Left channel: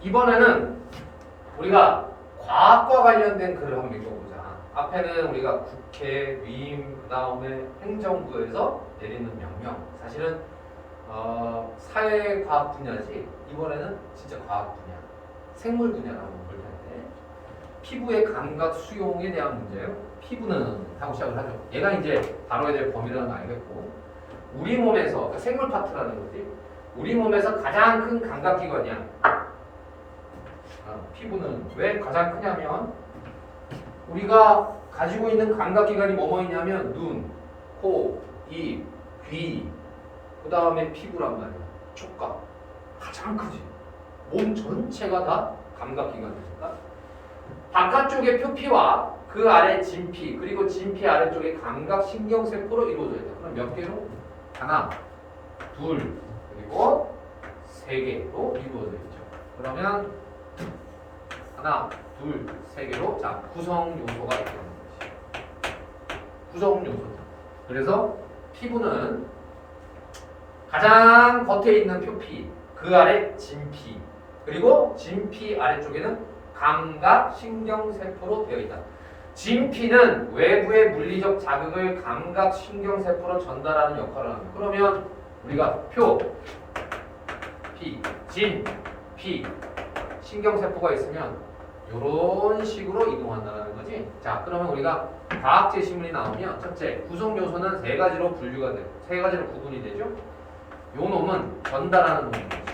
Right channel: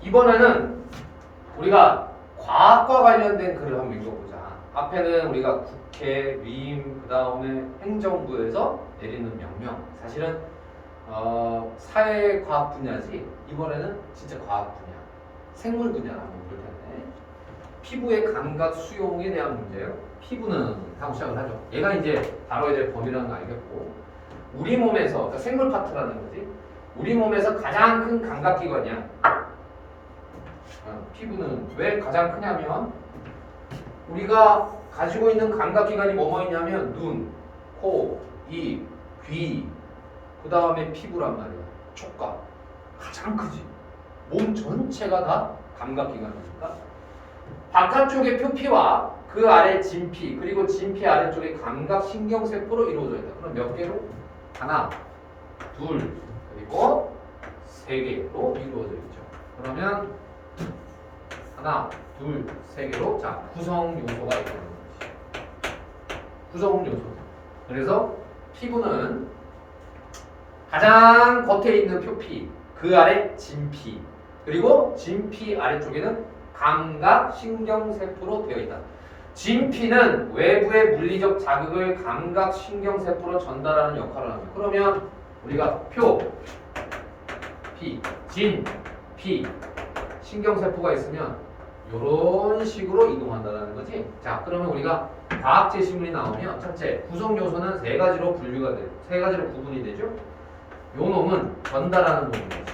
이번에는 우리가 과학과 관련된 글을 한번 읽어보자. 앞에는 우리가 국회, 위임, 그 다음에 행정부에서 내리는 명령. 사실은 사회과학 분야지. 이번에는 진짜 과학 분야, 생물 분야를 한번 볼 텐데, 피부의 감각 수용에 대한 문제예요. 피부는 하고 시작을 하죠. 얘가 이제 다뤄야 될 범위라는 거 알겠고, 우리 몸에서, 그러니까 생물 파트라는 거지. 우리 몸에서 가장 큰 감각기관이야. 피부는 왜 가장 크냐면, 우리가 가지고 있는 감각기관이 뭐뭐 있냐면 눈, 코, 입, 귀, 그 다음에 피부란 말이야. 촉각. 가장 크지. 몸 전체가 다 감각기관이니까. 바깥쪽의 표피와 그 아래 진피, 그리고 진피 아래쪽에 감각신경세포로 이루어져 있다. 그럼 몇 개로? 하나, 둘, 그리고 세 개로 이루어져 있죠. 그러면 하나, 둘, 세 개로 자 구성 요소가 있게 되는 것이. 구성 요소. 그래서 피부는 가장 겉에 있는 표피, 그 아래 진피, 그리고 진피 아래쪽에는 감각신경세포로 되어 있다. 진피는 외부의 물리적 자극을 감각신경세포로 전달하는 역할을 합니다. 그러면 우리가 표, 피, 진, 피, 신경세포가 있으면 이런 식으로 이동한다는 거지. 자, 그러면 우리가 과학 제시문이 나오면 첫째, 구성 요소는 세 가지로 분류가 돼요. 세 가지로 구분이 되죠. 요 놈은 전달하는 놈이죠.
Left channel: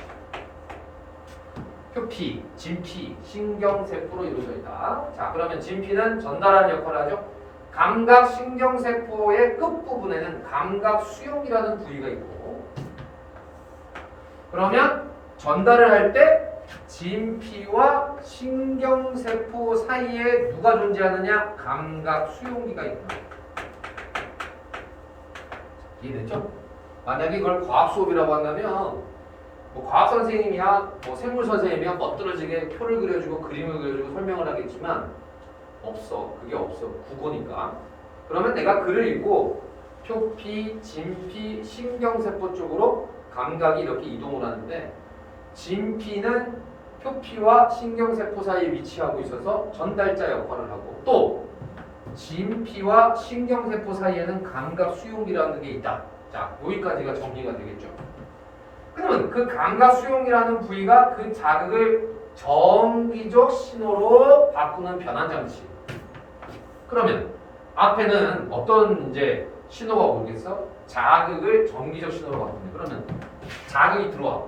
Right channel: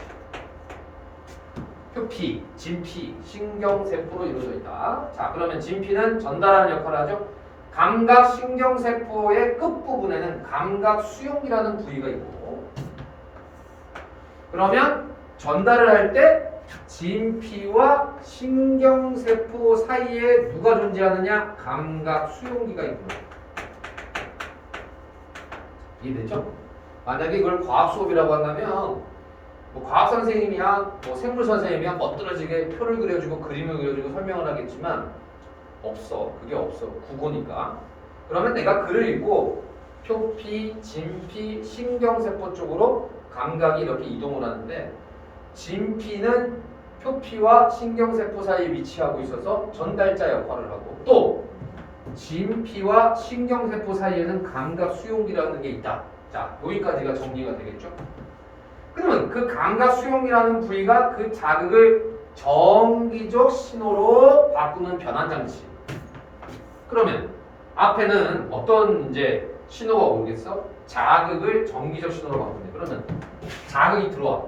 표피, 진피, 신경세포로 이루어져 있다. 자, 그러면 진피는 전달하는 역할을 하죠. 감각신경세포의 끝부분에는 감각수용이라는 부위가 있고, 그러면 전달을 할 때 진피와 신경세포 사이에 누가 존재하느냐? 감각수용기가 있는 거예요. 이해되죠? 만약에 이걸 과학 수업이라고 한다면 뭐 과학 선생님이야, 뭐 생물 선생님이야 멋들어지게 표를 그려주고 그림을 그려주고 설명을 하겠지만 없어. 그게 없어. 국어니까. 그러면 내가 글을 읽고 표피, 진피, 신경세포 쪽으로 감각이 이렇게 이동을 하는데, 진피는 표피와 신경세포 사이에 위치하고 있어서 전달자 역할을 하고, 또 진피와 신경세포 사이에는 감각수용기라는 게 있다. 자, 여기까지가 정리가 되겠죠? 그러면 그 감각수용이라는 부위가 그 자극을 전기적 신호로 바꾸는 변환장치. 그러면 앞에는 어떤 이제 신호가 오겠어? 자극을 전기적 신호로 바꾸네. 그러면 자극이 들어와.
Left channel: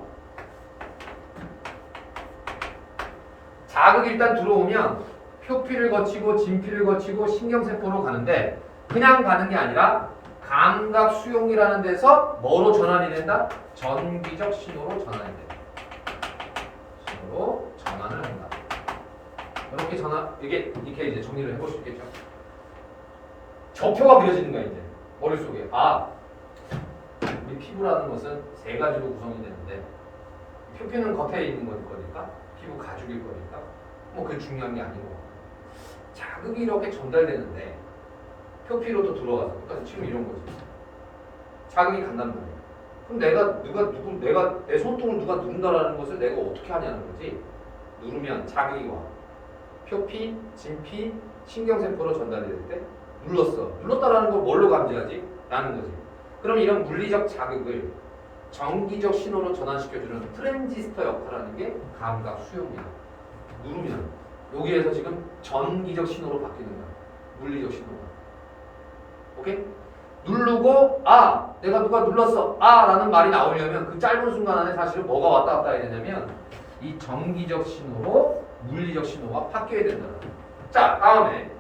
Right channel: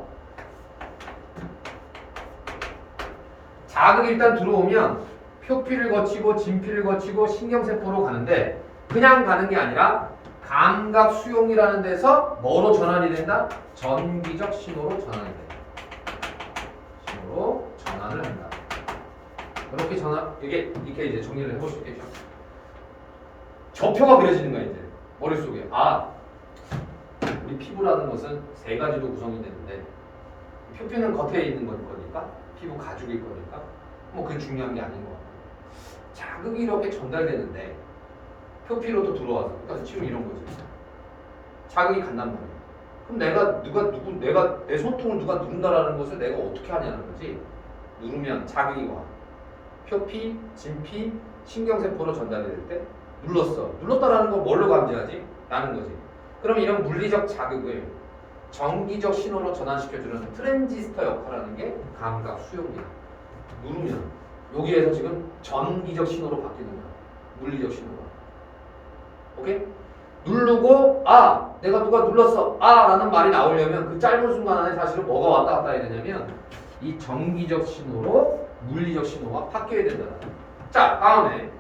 자극이 일단 들어오면 표피를 거치고 진피를 거치고 신경세포로 가는데, 그냥 가는 게 아니라 감각수용이라는 데서 뭐로 전환이 된다? 전기적 신호로 전환이 된다. 신호로 전환을 한다. 이렇게 이렇게 이제 정리를 해볼 수 있겠죠. 저표가 그려지는 거야 이제 머릿속에. 아, 우리 피부라는 것은 세 가지로 구성이 되는데, 표피는 겉에 있는 거니까, 피부 가죽일 거니까 뭐 그게 중요한 게 아닌 거 같고, 자극이 이렇게 전달되는데 표피로도 들어와서, 그러니까 지금 이런 거지. 자극이 간단 말이야. 그럼 내가 내 손등을 누가 누른다라는 것을 내가 어떻게 하냐는 거지. 누르면 자극이 와. 표피, 진피, 신경세포로 전달이 될 때 눌렀어. 눌렀다라는 걸 뭘로 감지하지? 라는 거지. 그럼 이런 물리적 자극을 전기적 신호로 전환시켜주는 트랜지스터 역할하는 게 감각 수용이야. 누르면 여기에서 지금 전기적 신호로 바뀌는 거야. 물리적 신호가. 오케이? 누르고 아, 내가 누가 눌렀어. 아 라는 말이 나오려면 그 짧은 순간 안에 사실은 뭐가 왔다 갔다 해야 되냐면 이 전기적 신호로 물리적 신호가 바뀌어야 된다는 거야. 자, 다음에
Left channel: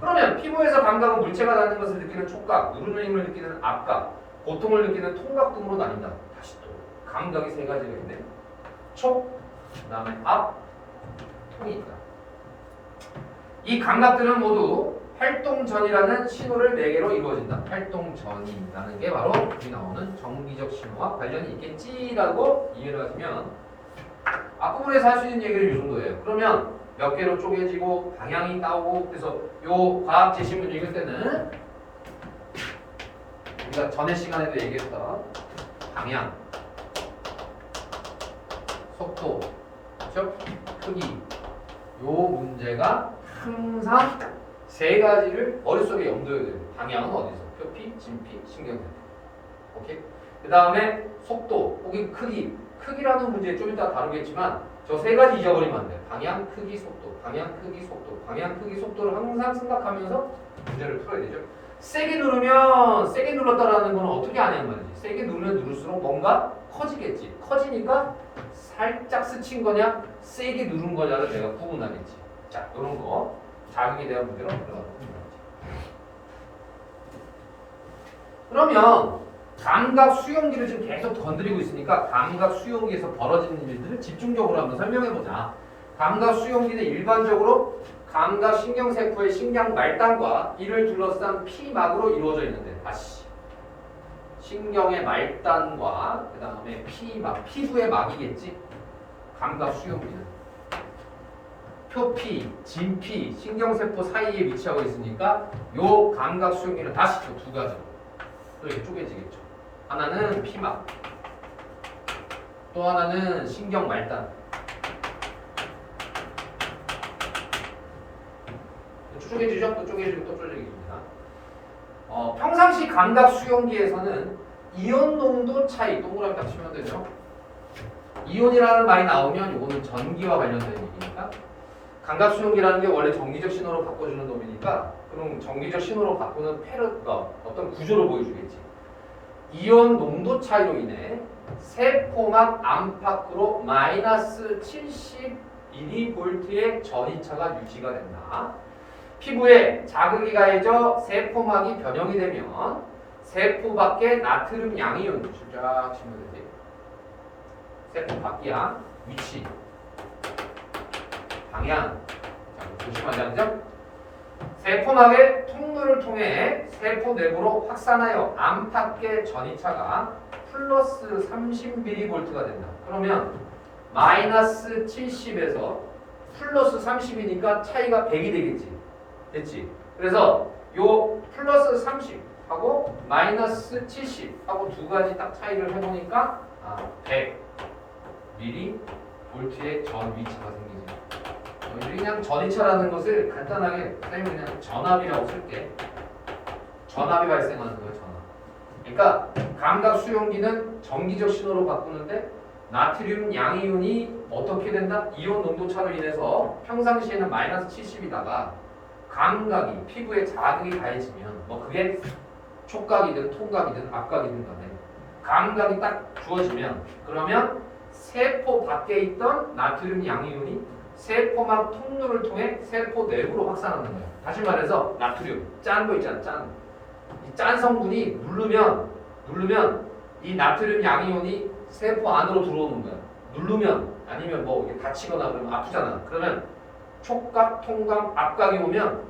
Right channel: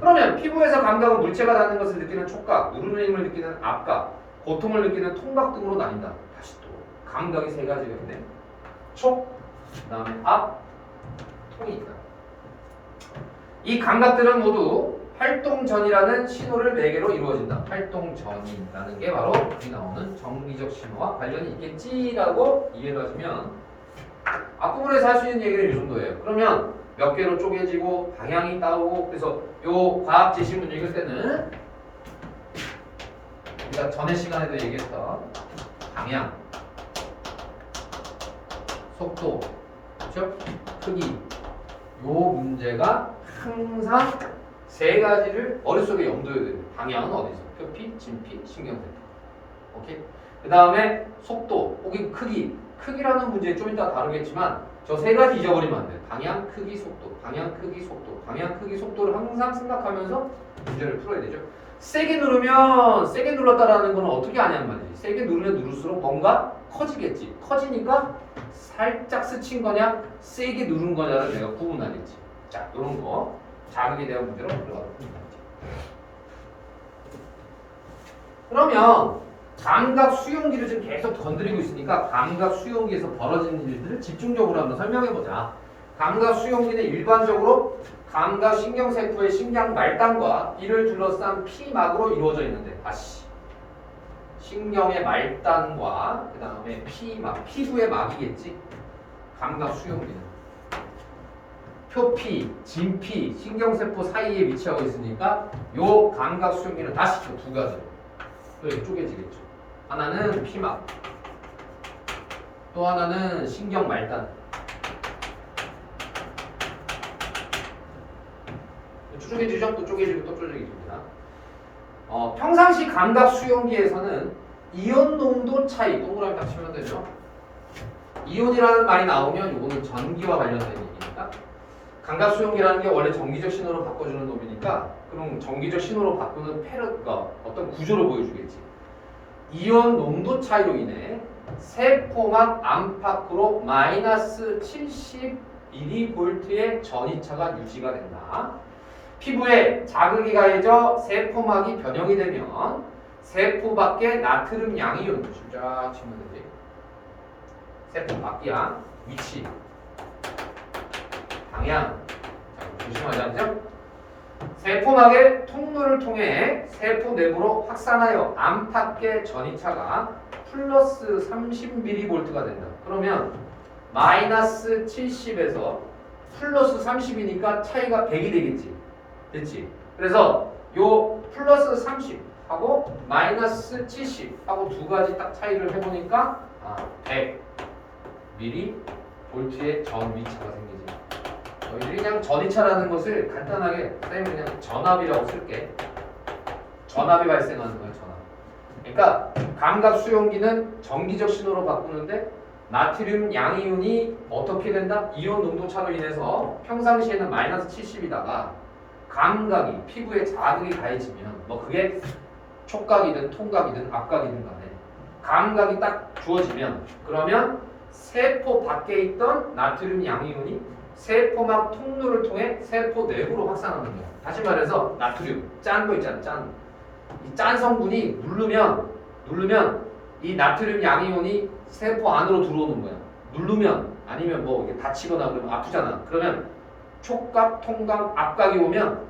그러면 피부에서 감각은 물체가 닿는 것을 느끼는 촉각, 누르는 힘을 느끼는 압각, 고통을 느끼는 통각 등으로 나뉜다. 다시 또 감각이 세 가지가 있네. 촉, 그 다음에 압, 통이 있다. 이 감각들은 모두 활동전이라는 신호를 매개로 이루어진다. 활동전이라는 게 바로 여기 나오는 전기적 신호와 관련이 있겠지라고 이해를 하시면 앞부분에서 할 수 있는 얘기는 이 정도예요. 그러면 몇 개로 쪼개지고 방향이 따오고, 그래서 요 과학 제시문 읽을 때는 우리가 전에 시간에도 얘기했던 방향, 속도, 그렇죠? 크기. 요 문제가 항상 세 가지를 머릿속에 염두에 둬야 돼요. 방향은 어디서? 표피, 진피, 신경세포. 오케이? 그 다음에 속도, 혹은 크기. 크기라는 문제 좀 이따 다루겠지만 저 세 가지 잊어버리면 안 돼. 방향, 크기, 속도. 방향, 크기, 속도. 방향, 크기, 속도를 항상 생각하면서 문제를 풀어야 되죠. 세게 누르면 세게 눌렀다라는 건 어떻게 아냔 말이지. 세게 누르면 누를수록 뭔가 커지겠지. 커지니까 살짝 스친 거냐, 세게 누른 거냐를 내가 구분하겠지. 자, 이런 거 자극에 대한 문제로 들어가도록 하겠습니다. 그러면 감각 수용기를 지금 계속 건드리고 있으니까 감각 수용기에서 벌어지는 일들을 집중적으로 한번 설명해보자. 감각 수용기는 일반적으로 감각 신경세포의 신경 말단과 이를 둘러싼 피막으로 이루어져 있는데, 다시 신경의 말단과 그 다음에 피막, 피부의 막이겠지. 감각 수용기는 표피, 진피, 신경세포 사이에 위치하고 있으니까 요 감각 수용기는 다시 두 가지 또 이렇게 쪼개지겠죠. 하나는 피막, 또 하나는 신경 말단. 쪼개지죠? 또 쪼개지고 또 쪼개집니다. 평상시 감각 수용기에서는 이온 농도 차이, 동그라미 딱 치면 되죠. 이온이라는 말이 나오면 이거는 전기와 관련된 얘기니까, 감각 수용기라는 게 원래 전기적 신호로 바꿔주는 놈이니까 그럼 전기적 신호로 바꾸는 페르가 어떤 구조를 보여주겠지. 이온 농도 차이로 인해 세포막 안팎으로 마이너스 70mV의 전이차가 유지가 된다. 피부에 자극이 가해져 세포막이 변형이 되면 세포 밖에 나트륨 양이온 쫙 치면 되지. 세포 밖이야. 위치, 방향. 자, 조심하자, 그죠? 세포막의 통로를 통해 세포 내부로 확산하여 안팎의 전이차가 플러스 30mV가 된다. 그러면 마이너스 70에서 플러스 30이니까 차이가 100이 되겠지. 됐지? 그래서 요 플러스 30하고 마이너스 70하고 두 가지 딱 차이를 해보니까 100mV의 전 위차가 생기지. 그냥 전이차라는 것을 간단하게 그냥 전압이라고 쓸게. 전압이 발생하는 거예요, 전압. 그러니까 감각 수용기는 전기적 신호로 바꾸는데 나트륨 양이온이 어떻게 된다? 이온 농도 차로 인해서 평상시에는 마이너스 70이다가 감각이 피부에 자극이 가해지면 뭐 그게 촉각이든 통각이든 압각이든 간에 감각이 딱 주어지면 그러면 세포 밖에 있던 나트륨 양이온이 세포막 통로를 통해 세포 내부로 확산하는 거예요. 다시 말해서 나트륨 짠 거 있잖아, 짠. 이 짠 성분이 누르면 이 나트륨 양이온이 세포 안으로 들어오는 거예요. 누르면 아니면 뭐 이게 다치거나 그러면 아프잖아. 그러면 촉각, 통각, 압각이 오면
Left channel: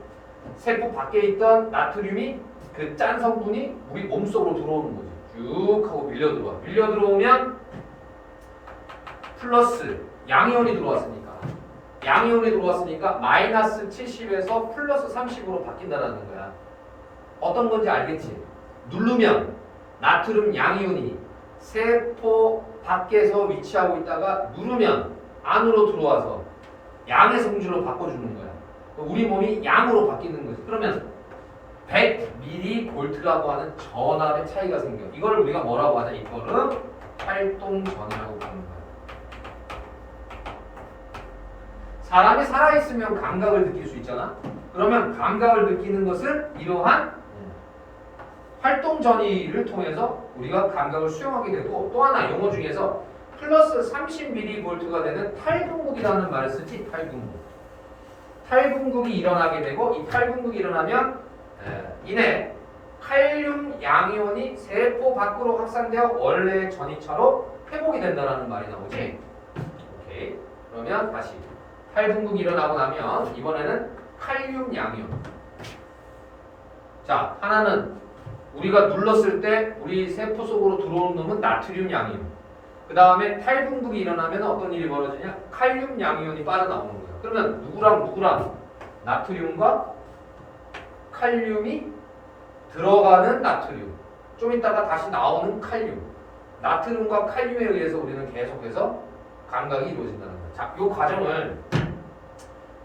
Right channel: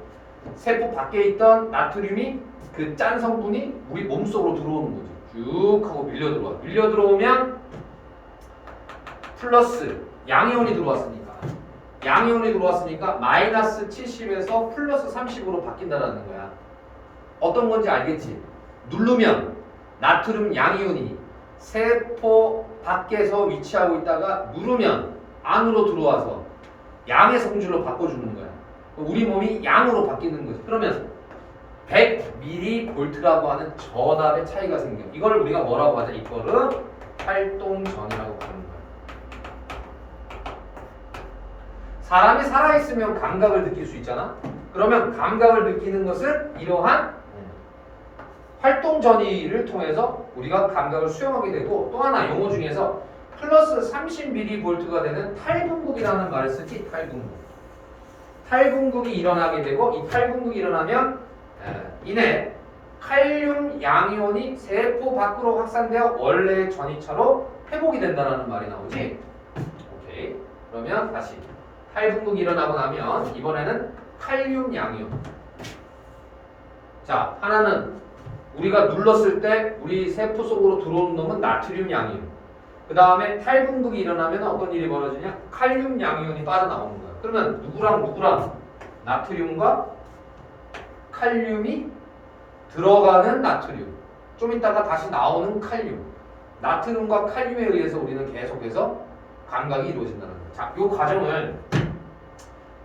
세포 밖에 있던 나트륨이 그 짠 성분이 우리 몸속으로 들어오는 거지. 쭉 하고 밀려 들어와. 밀려 들어오면 플러스 양이온이 들어왔으니까 마이너스 70에서 플러스 30으로 바뀐다는 거야. 어떤 건지 알겠지? 누르면 나트륨 양이온이 세포 밖에서 위치하고 있다가 누르면 안으로 들어와서 양의 성질로 바꿔주는 거야. 우리 몸이 양으로 바뀌는 거지. 그러면 100mV라고 하는 전압의 차이가 생겨. 이걸 우리가 뭐라고 하냐? 이거를 활동전이라고 부르는 거야. 사람이 살아있으면 감각을 느낄 수 있잖아. 그러면 감각을 느끼는 것은 이러한 활동전이를 통해서 우리가 감각을 수용하게 되고, 또 하나 용어 중에서 플러스 30mV가 되는 탈분국이라는 말을 쓰지. 탈분국이 일어나게 되고, 이 탈분국이 일어나면 이내 칼륨 양이온이 세포 밖으로 확산되어 원래의 전이차로 회복이 된다는 말이 나오지. 오케이. 그러면 다시 탈분국이 일어나고 나면 이번에는 칼륨 양이온. 자, 하나는 우리가 눌렀을 때 우리 세포 속으로 들어오는 놈은 나트륨 양이온. 그 다음에 탈분국이 일어나면 어떤 일이 벌어지냐? 칼륨 양이온이 빠져나오는 거야. 그러면 누구랑 나트륨과 칼륨이 들어가는 나트륨, 좀 이따가 다시 나오는 칼륨. 나트륨과 칼륨에 의해서 우리는 계속해서 감각이 이루어진다는 거예요. 자, 요 과정을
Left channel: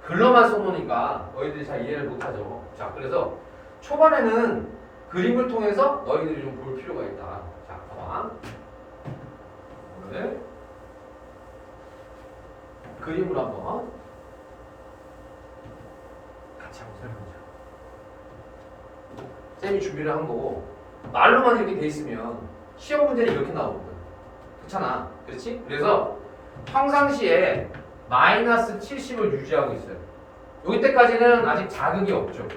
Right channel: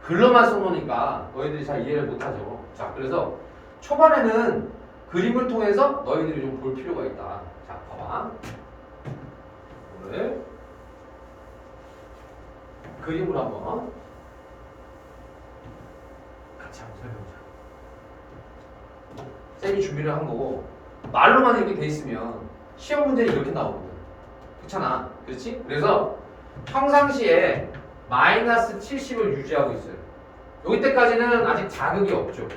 글로만 써놓으니까 너희들이 잘 이해를 못하죠. 자, 그래서 초반에는 그림을 통해서 너희들이 좀 볼 필요가 있다. 자, 봐봐. 오늘 그림으로 한번 같이 한번 설명해보자. 쌤이 준비를 한 거고 말로만 이렇게 돼 있으면 시험 문제는 이렇게 나오거든. 그렇잖아. 그렇지? 그래서 평상시에 마이너스 70을 유지하고 있어요. 여기 때까지는 아직 자극이 없죠.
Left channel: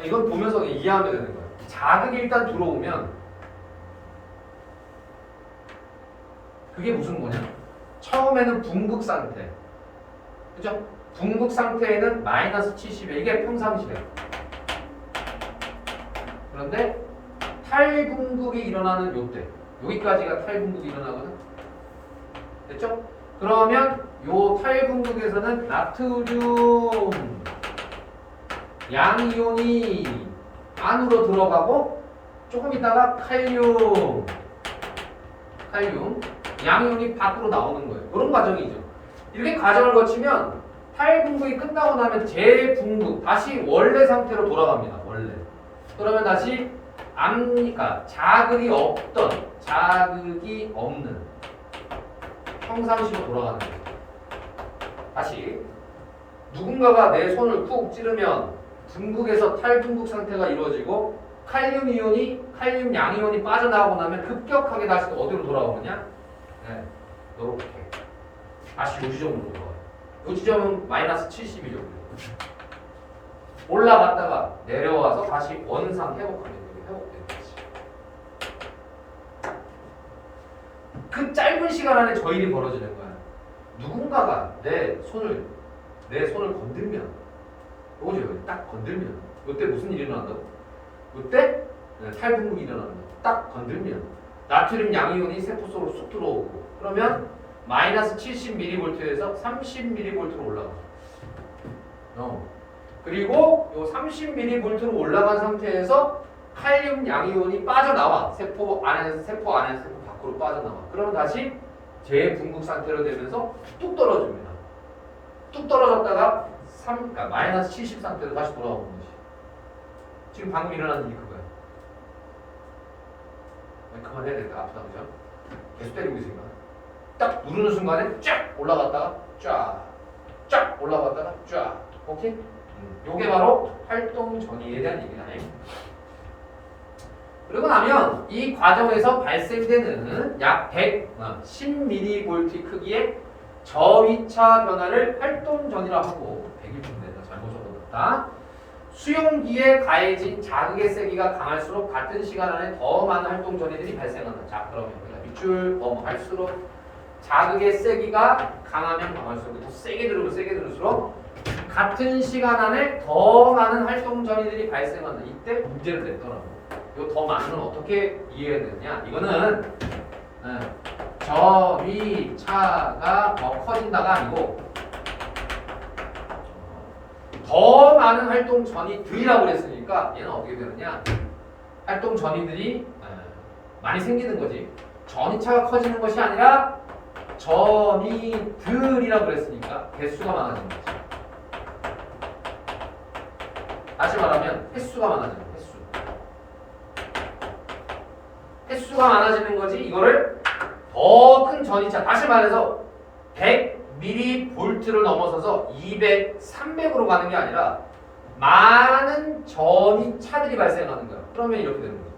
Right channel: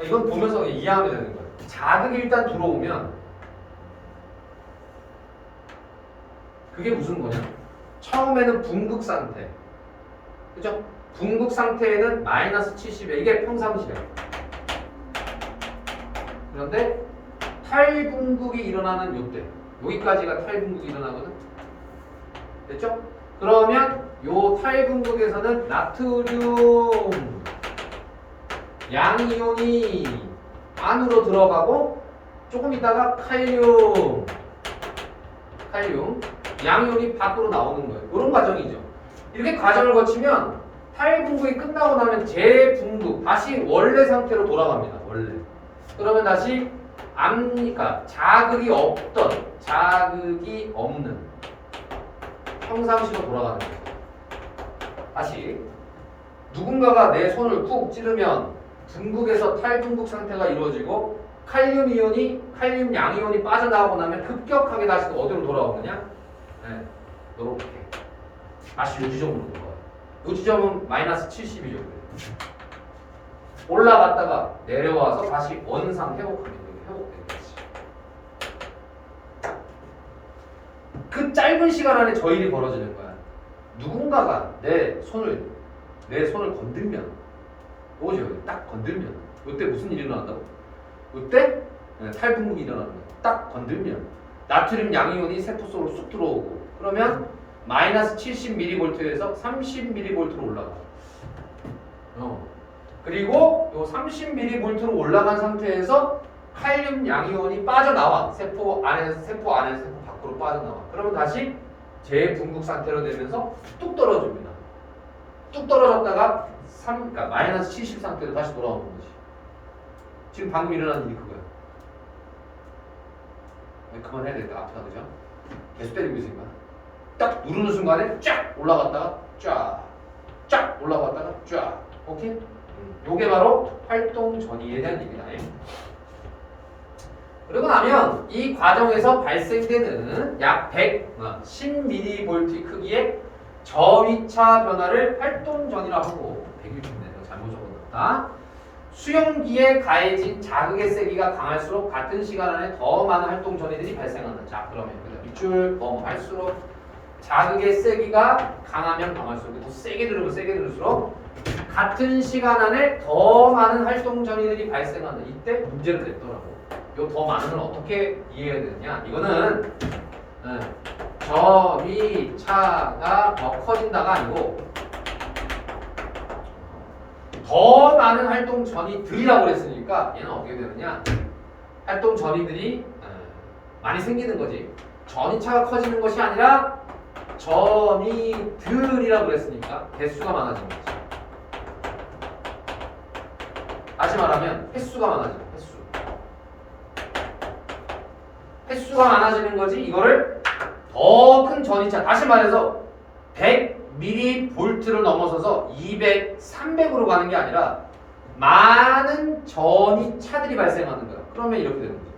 이건 보면서 이해하면 되는 거예요. 자극이 일단 들어오면 그게 무슨 거냐? 처음에는 붕극 상태. 그죠? 붕극 상태에는 마이너스 70에 이게 평상시래. 그런데 탈붕극이 일어나는 요때. 여기까지가 탈붕극이 일어나거든. 됐죠? 그러면 요 탈붕극에서는 나트륨 양이온이 안으로 들어가고 조금 있다가 칼륨 양이온이 밖으로 나오는 거예요. 이런 과정이죠. 이렇게 과정을 거치면 탈붕극이 끝나고 나면 재붕극 다시 원래 상태로 돌아갑니다. 원래. 그러면 다시 그러니까 자극이 없는 평상시로 돌아가는 거예요. 다시 누군가가 내 손을 푹 찌르면 붕극에서 탈붕극 상태가 이루어지고 칼륨 양이온이 빠져나가고 나면 급격하게 다시 어디로 돌아오느냐? 네, 이렇게 다시 요 지점으로 돌아와요. 요 지점은 마이너스 70이죠. 올라갔다가 내려와서 다시 원상 회복하면 돼요. 회복되는 거지. 그 짧은 시간 안에 저 일이 벌어지는 거야. 누군가가 내 손을 건들면, 보죠? 딱 건들면, 이때 무슨 일이 일어난다고? 이때 탈붕극이 일어나는 거야. 딱 건들면 나트륨 양이온이 세포 속으로 쑥 들어오고, 그러면 마이너스 70mV에서 30mV로 올라가. 그리고 요 30mV로 올라간 상태에서 칼륨 양이온이 빠져나와. 세포 안에서 세포 밖으로 빠져나와. 그러면 다시 재붕극 상태로 되면서 뚝 떨어집니다. 뚝 떨어졌다가 그러니까 마이너스 70 상태로 다시 돌아오는 거지. 지금 방금 일어난 일이 그거야. 그만해야 되겠다. 아프다, 그죠? 계속 때리고 있으니까. 딱 누르는 순간에 쫙 올라갔다가 쫙 올라갔다가 쫙. 오케이? 요게 바로 활동 전이에 대한 얘기다. 그러고 나면 이 과정에서 발생되는 약 110mV 크기의 저위차 변화를 활동 전이라고 하고 100일쯤 잘못 적어놨다. 수용기에 가해진 자극의 세기가 강할수록 같은 시간 안에 더 많은 활동 전이들이 발생한다. 자, 그러면 밑줄 할수록 자극의 세기가 강하면 강할수록 더 세게 들으면 세게 들을수록 같은 시간 안에 더 많은 활동 전이들이 발생한다. 이때 문제를 냈더라고. 이 더 많은 건 어떻게 이해해야 되느냐? 이거는 저위차가 더 커진다가 아니고 더 많은 활동 전이들이라고 그랬으니까 얘는 어떻게 되느냐? 활동 전이들이 많이 생기는 거지. 전이차가 커지는 것이 아니라 전이들이라고 그랬으니까 개수가 많아지는 거지. 다시 말하면 횟수가 많아지는 거야. 횟수가 많아지는 거지. 이거를 더 큰 전이차, 다시 말해서 100mV를 넘어서서 200, 300으로 가는 게 아니라 많은 전이차들이 발생하는 거야. 그러면 이렇게 되는 거지.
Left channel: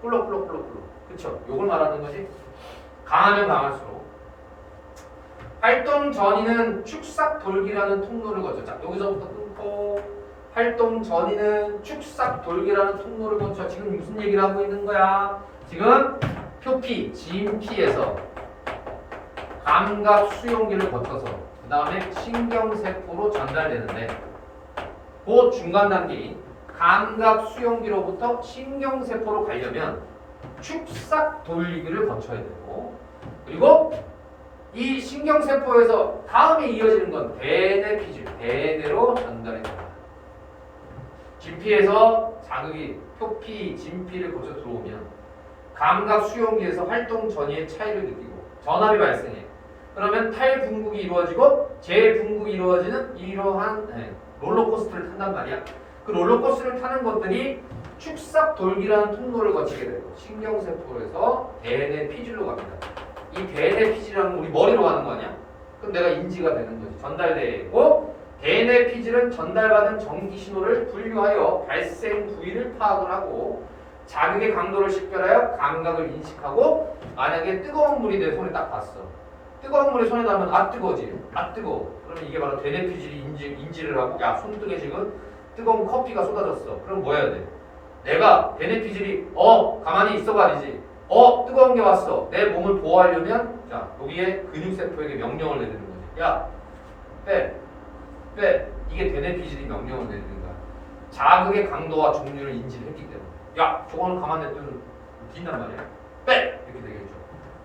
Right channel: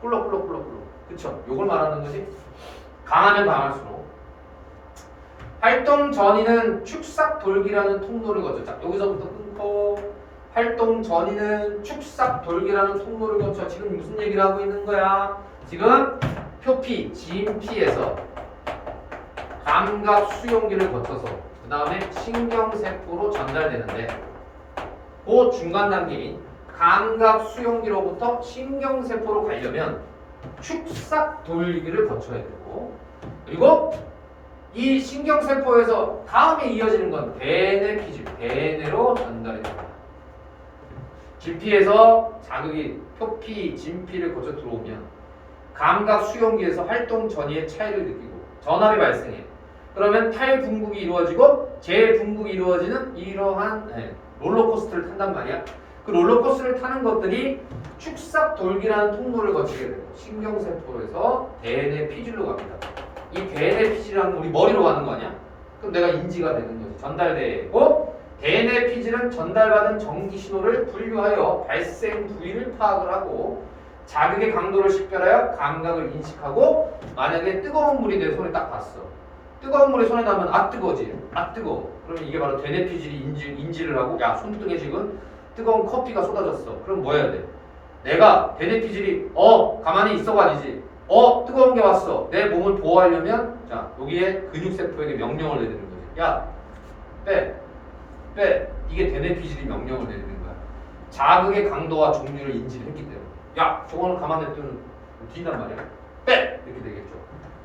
꿀럭꿀럭. 그쵸? 요걸 말하는 거지. 강하면 강할수록. 활동 전이는 축삭 돌기라는 통로를 거쳐. 자, 여기서부터 끊고. 활동 전이는 축삭 돌기라는 통로를 거쳐. 지금 무슨 얘기를 하고 있는 거야? 지금 표피, 진피에서 감각 수용기를 거쳐서 그 다음에 신경세포로 전달되는데 그 중간 단계인 감각 수용기로부터 신경세포로 가려면 축삭 돌기를 거쳐야 되고, 그리고 이 신경세포에서 다음에 이어지는 건 대뇌 피질, 대뇌로 전달이 됩니다. 진피에서 자극이 표피, 진피를 거쳐 들어오면 감각 수용기에서 활동 전이의 차이를 느끼고 전압이 발생해. 그러면 탈분국이 이루어지고 재분국이 이루어지는 이러한 롤러코스터를 탄단 말이야. 그 롤러코스터를 타는 것들이 축삭돌기라는 통로를 거치게 되고 신경세포에서 대뇌 피질로 갑니다. 이 대뇌 피질은 우리 머리로 가는 거 아니야? 그럼 내가 인지가 되는 거지. 전달되고 대뇌 피질은 전달받은 전기 신호를 분류하여 발생 부위를 파악을 하고 자극의 강도를 식별하여 감각을 인식하고 만약에 뜨거운 물이 내 손에 딱 닿았어. 뜨거운 물이 손에 닿으면 아 뜨거워지. 아 뜨거워. 그러면 이게 바로 대뇌 피질이 인지를 하고 야 손등에 지금 뜨거운 커피가 쏟아졌어. 그럼 뭐 해야 돼? 내가 대뇌 피질이 가만히 있어가지지. 뜨거운 게 왔어. 내 몸을 보호하려면 자 여기에 근육세포에게 명령을 내리는 거지. 야 빼. 이게 대뇌 피질이 명령을 내리는 거야. 자극의 강도와 종류를 인지를 했기 때문에. 야 저거는 가만히 냅두면 뛴단 말이야. 빼! 이렇게 되겠죠.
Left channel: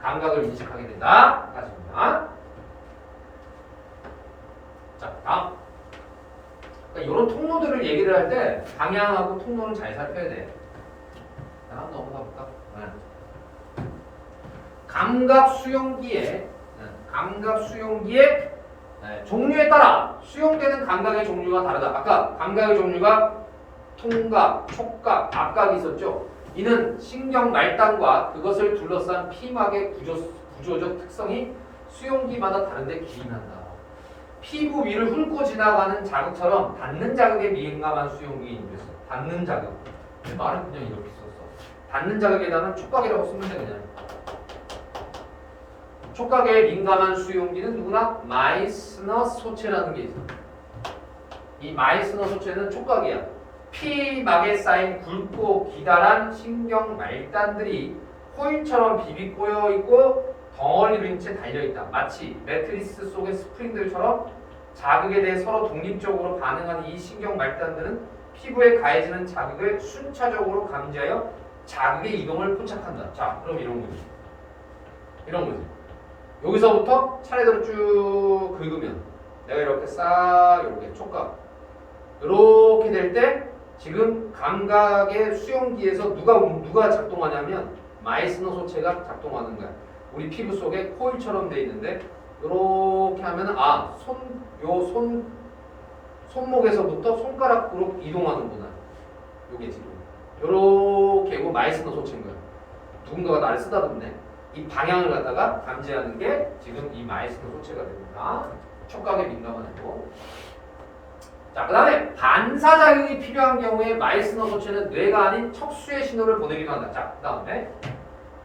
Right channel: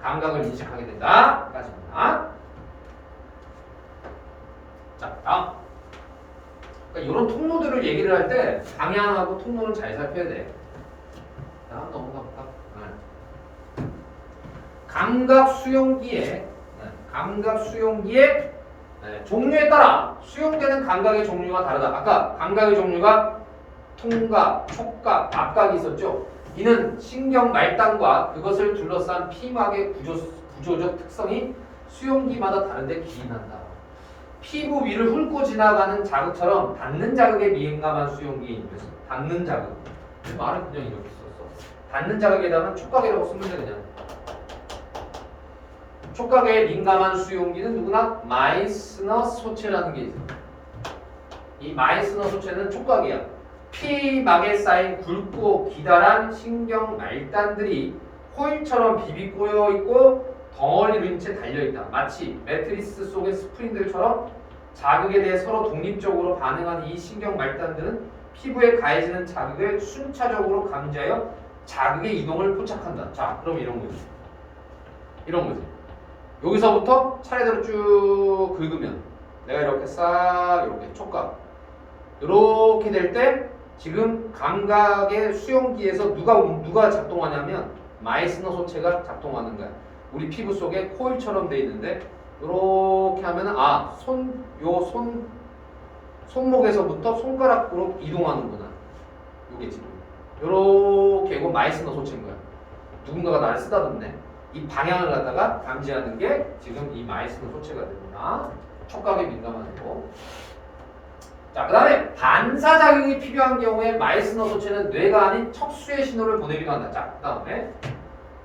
감각을 인식하게 된다. 까지입니다. 자 다음. 그러니까 이런 통로들을 얘기를 할 때 방향하고 통로는 잘 살펴야 돼. 다음 넘어가 볼까? 감각 수용기의 종류에 따라 수용되는 감각의 종류가 다르다. 아까 감각의 종류가 통각, 촉각, 압각이 있었죠. 이는 신경 말단과 그것을 둘러싼 피막의 구조적 특성이 수용기마다 다른데 기인한다. 피부 위를 훑고 지나가는 자극처럼 닿는 자극에 민감한 수용기인 것이다. 닿는 자극. 말은 그냥 이렇게 썼어. 닿는 자극에다가 촉각이라고 쓰면 돼 그냥. 촉각에 민감한 수용기는 누구나 마이스너 소체라는 게 있어요. 이 마이스너 소체는 촉각이야. 피막에 쌓인 굵고 기다란 신경 말단들이 코일처럼 비비 꼬여 있고 덩어리로 인 채 달려 있다. 마치 매트리스 속의 스프링들처럼 자극에 대해 서로 독립적으로 반응하는 이 신경 말단들은 피부에 가해지는 자극을 순차적으로 감지하여 자극의 이동을 포착한다. 자, 그럼 이런 거지. 여기서부터 차례대로 쭉 긁으면 내가 이렇게 싹 이렇게 촉각 이렇게 될 때 지금 감각의 수용기에서 누가 작동하냐면 마이스너 소체가 작동하는 거야. 우리 피부 속에 코일처럼 돼 있는데 이렇게 하면 손목에서부터 손가락으로 이동하는구나. 요게 지금 이렇게고 마이스너 소체인 거야. 누군가가 나를 쓰다듬네. 이 방향을 갖다가 감지하는 게 지금 이 마이스너 소체가 됩니다. 촉각에 민감한 거. 자, 그 다음에 반사작용이 필요한 경우에 마이스너 소체는 뇌가 아닌 척수의 신호를 보내기도 한다. 자, 그 다음에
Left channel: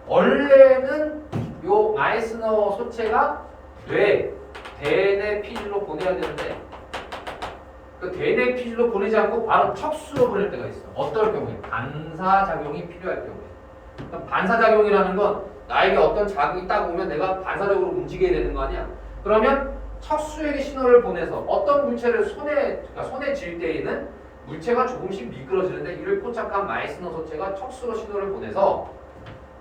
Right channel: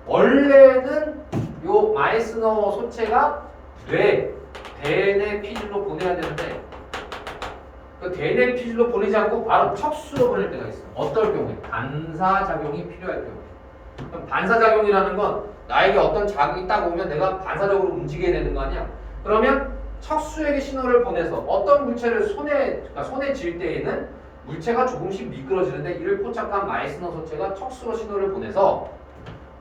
원래는 요 마이스너 소체가 대뇌 피질로 보내야 되는데 그 대뇌 피질로 보내지 않고 바로 척수로 보낼 때가 있어. 어떨 경우에? 반사작용이 필요할 경우에. 그럼 반사작용이라는 건 나에게 어떤 자극이 딱 오면 내가 반사적으로 움직여야 되는 거 아니야? 그러면 척수에게 신호를 보내서 어떤 물체를 손에 쥘 때에는 물체가 조금씩 미끄러지는데 이를 포착한 마이스너 소체가 척수로 신호를 보내서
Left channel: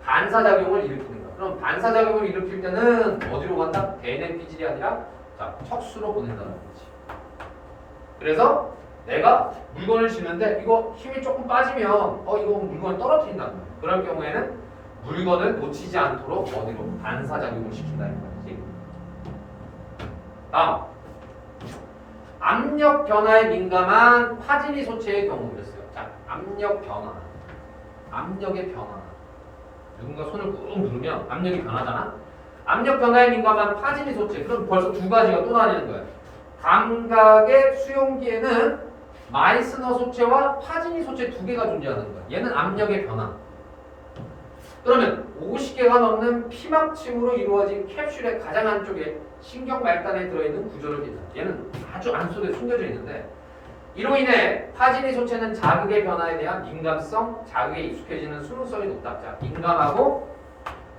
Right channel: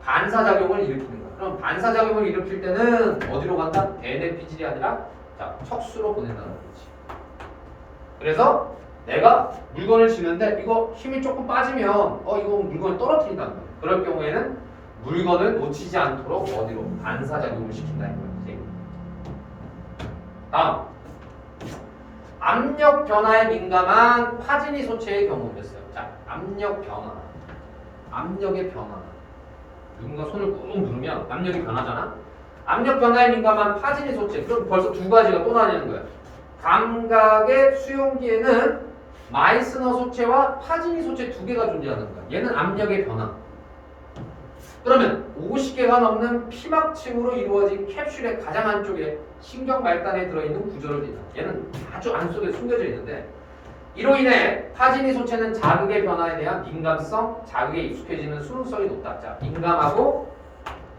반사작용을 일으키는 거야. 그럼 반사작용을 일으킬 때는 어디로 간다? 대뇌 피질이 아니라 자, 척수로 보낸다는 거지. 그래서 내가 물건을 쥐는데 이거 힘이 조금 빠지면 이거 물건을 떨어뜨린단 말이야. 그럴 경우에는 물건을 놓치지 않도록 어디로? 반사작용을 시킨다는 거지. 다음 압력 변화에 민감한 파지니 소체의 경우였어요. 자, 압력의 변화. 누군가 손을 꾹 누르면 압력이 변하잖아. 압력 변화에 민감한 파지니 소체. 그럼 벌써 두 가지가 또 나뉘는 거야. 감각의 수용기에는 마이스너 소체와 파지니 소체 두 개가 존재하는 거야. 얘는 압력의 변화. 그러면 50개가 넘는 피막층으로 이루어진 캡슐의 가장 안쪽에 신경 말단에 들어있는 구조를 띈다. 얘는 아주 안속에 숨겨져 있는데 이로 인해 파지니 소체는 자극의 변화에 대한 민감성, 자극에 익숙해지는 수능성이 높다. 자, 민감하고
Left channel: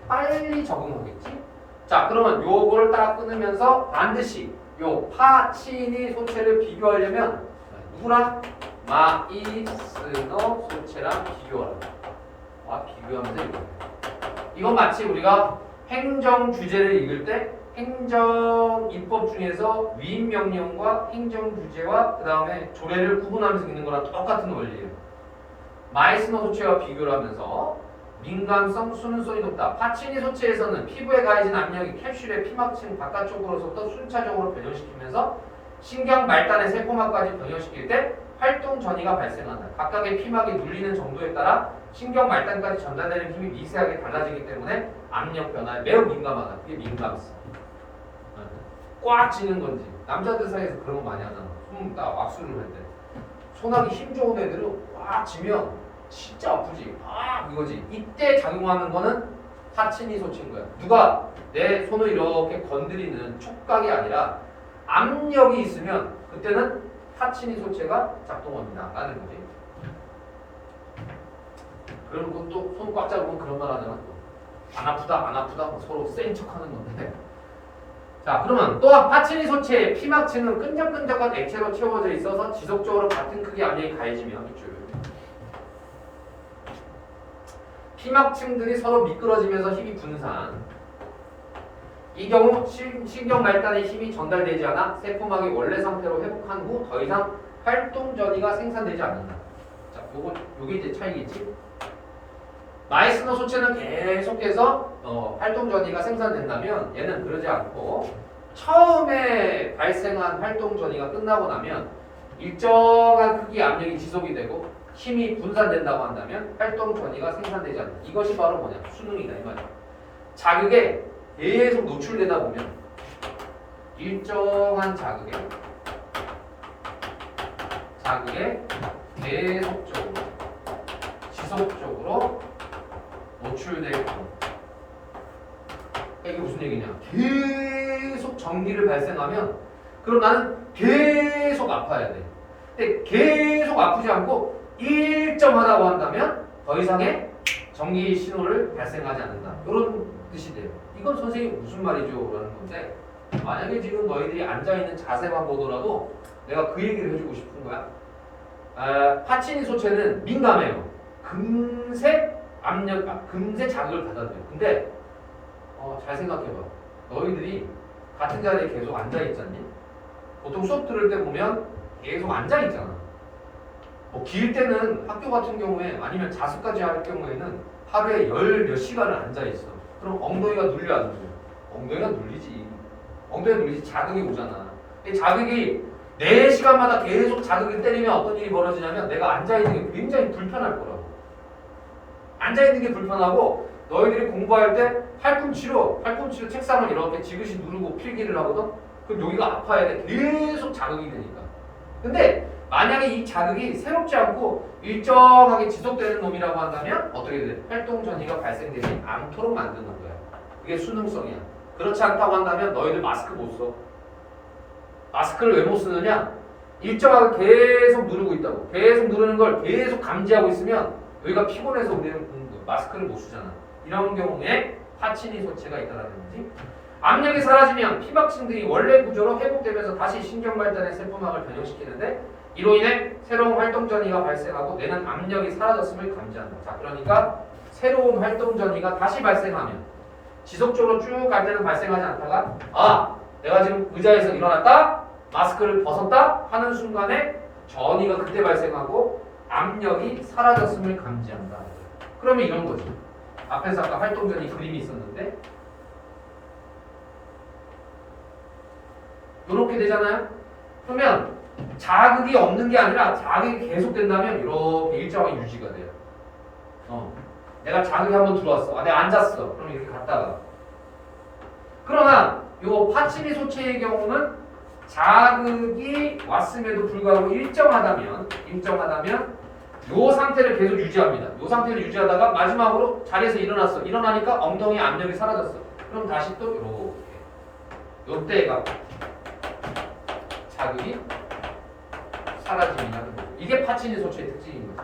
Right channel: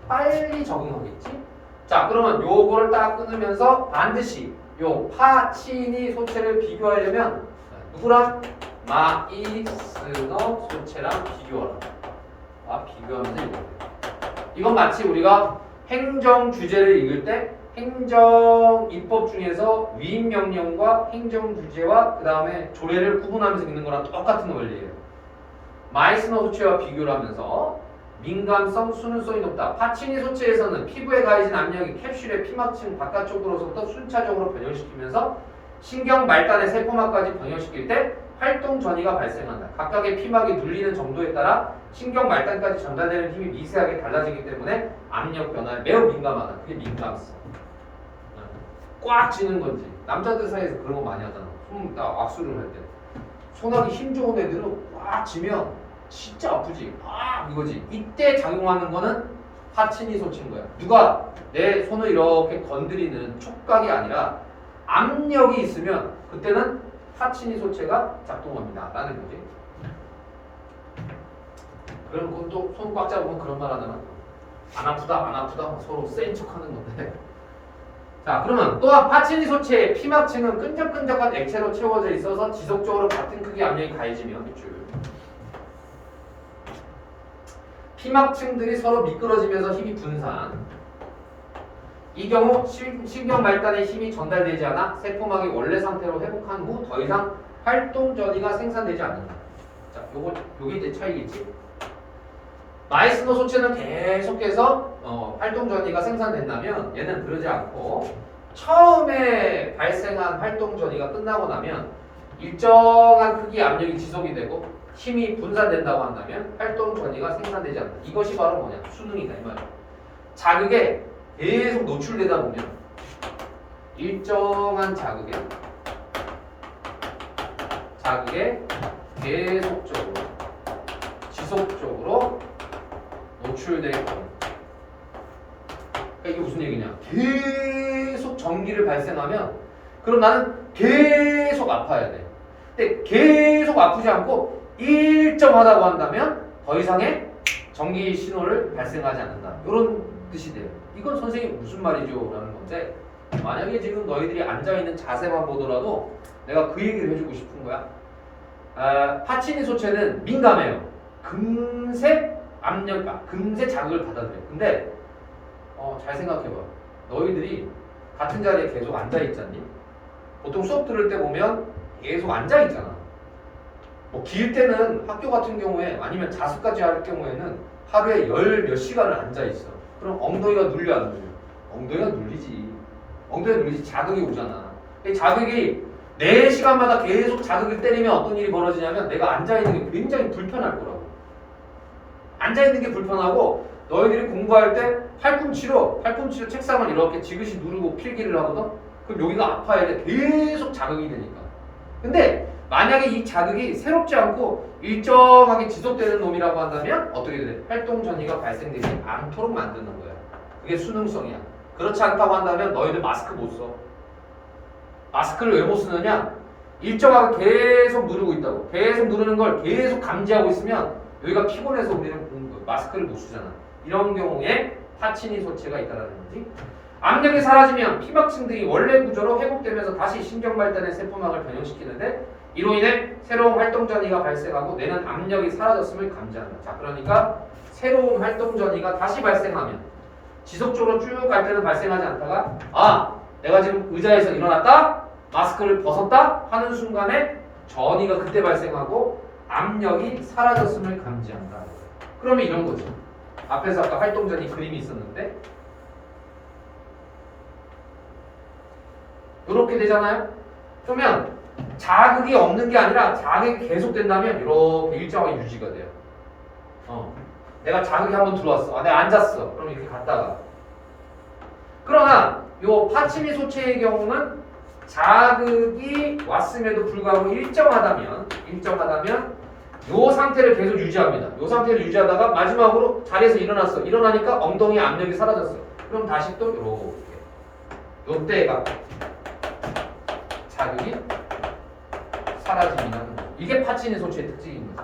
빨리 적응하겠지? 자, 그러면 요거를 딱 끊으면서 반드시 요 파치니 소체를 비교하려면 누구랑? 마이스너 소체랑 비교하라. 비교하면서 읽어야 돼. 이건 마치 우리가 행정 규제를 읽을 때 행정 입법 중에서 위임 명령과 행정 규제와 그 다음에 조례를 구분하면서 읽는 거랑 똑같은 원리예요. 마이스너 소체와 비교를 하면서 민감성, 수능성이 높다. 파치니 소체에서는 피부에 가해진 압력이 캡슐의 피막층 바깥쪽으로부터 순차적으로 변형시키면서 신경 말단의 세포막까지 변형시킬 때 활동 전이가 발생한다. 각각의 피막이 눌리는 정도에 따라 신경 말단까지 전달되는 힘이 미세하게 달라지기 때문에 압력 변화에 매우 민감하다. 그게 민감성. 꽉 쥐는 건지. 남자들 사이에서 그런 거 많이 하잖아. 손 딱 악수를 할 때. 손하기 힘 좋은 애들은 꽉 쥐면 진짜 아프지. 아 이거지. 이때 작용하는 거는 파치니 소체인 거야. 누가 내 손을 이렇게 건드리는 촉각이 아니라 압력이 있으면 그때는 파치니 소체가 작동합니다. 라는 거지. 그런 것도 손 꽉 잡으면 그런 말 하잖아. 안 아프다 안 아프다 서로 센 척하는 건데. 자 그러면 또한 파치니 소체의 피막층은 끈적끈적한 액체로 채워져 있어서 지속적으로 같은 크기 압력이 가해지면 피막층들이 서로 미끄러지면서 힘이 분산. 이 경우 신경 말단의 힘이 전달되지 않아 세포막이 원래 상태로 회복한 후 더 이상 활동 전이가 생산되지 않는다. 자, 요게 이제 차이겠지? 마이스너 소체는 계속해서 활동 전이가 생산된다면 얘는 그러지 않고 처음에 발생한 활동 전이가 끝나고 나면 일정한 크기 압력이 지속이 되고 힘이 분산된다고 한다면 활동 전이가 생산되지 않는다. 이것이 바로 뭐냐? 수능이다 이 말이야. 자극에 계속 노출되다 보면 일정한 자극에 계속적으로 지속적으로 노출될 경우 그러니까 이게 무슨 얘기냐 계속 전기를 발생하면 그럼 나는 계속 아파야 돼. 근데 계속 아프지 않고 일정하다고 한다면 더 이상의 전기 신호를 발생하지 않는다. 이런 뜻이 돼요. 이건 선생님 무슨 말이죠? 라는 건데 만약에 지금 너희들이 앉아있는 자세만 보더라도 내가 그 얘기를 해주고 싶은 거야. 파치니 소체는 민감해요. 금세 금세 자극을 받아들여요. 근데 잘 생각해봐. 너희들이 같은 자리에 계속 앉아있잖니? 보통 수업 들을 때 보면 계속 앉아있잖아. 뭐 길 때는 학교 같은 경우에 아니면 자습까지 할 경우에는 하루에 몇 시간을 앉아있어. 그럼 엉덩이가 눌려 안 눌려? 엉덩이가 눌리지. 엉덩이가 눌리지. 자극이 오잖아. 근데 자극이 4시간마다 계속 자극을 때리면 어떤 일이 벌어지냐면 내가 앉아있는 게 굉장히 불편할 거라고. 앉아있는 게 불편하고 너희들이 공부할 때 팔꿈치로 책상을 이렇게 지그시 누르고 필기를 하거든? 그럼 여기가 아파야 돼. 계속 자극이 되니까. 근데 만약에 이 자극이 새롭지 않고 일정하게 지속되는 놈이라고 한다면 어떻게 돼? 활동 전이가 발생되지 않도록 만드는 거야. 그게 수능성이야. 그렇지 않다고 한다면 너희들 마스크 못 써. 마스크를 왜 못 쓰느냐? 일정하게 계속 누르고 있다고. 계속 누르는 걸 계속 감지하고 있으면 여기가 피곤해서 우리는 마스크를 못 쓰잖아. 이런 경우에 파치니 소체가 있다는 거지. 압력이 사라지면 피막층들이 원래 구조로 회복되면서 다시 신경 발단의 세포막을 변형시키는데 이로 인해 새로운 활동 전이가 발생하고 뇌는 압력이 사라졌음을 감지한다. 자, 그러니까 새로운 활동 전이가 다시 발생하면 지속적으로 쭉 갈 때는 발생하지 않다가 내가 지금 의자에서 일어났다 마스크를 벗었다 하는 순간에 전이가 그때 발생하고 압력이 사라졌음을 감지한다. 그러면 이런 거죠. 앞에서 아까 활동 전이 그림이 있었는데 이렇게 되잖아요. 그러면 자극이 없는 게 아니라 자극이 계속된다면 이렇게 일정하게 유지가 돼요. 내가 자극이 한번 들어왔어. 내가 앉았어. 그럼 이렇게 갔다가. 그러나 요 파치니 소체의 경우는 자극이 왔음에도 불구하고 일정하다면 요 상태를 계속 유지합니다. 요 상태를 유지하다가 마지막으로 자리에서 일어났어. 일어나니까 엉덩이 압력이 사라졌어. 그럼 다시 또 이렇게 요때가 자극이 사라짐이라는 거죠. 이게 파치니 소체의 특징입니다.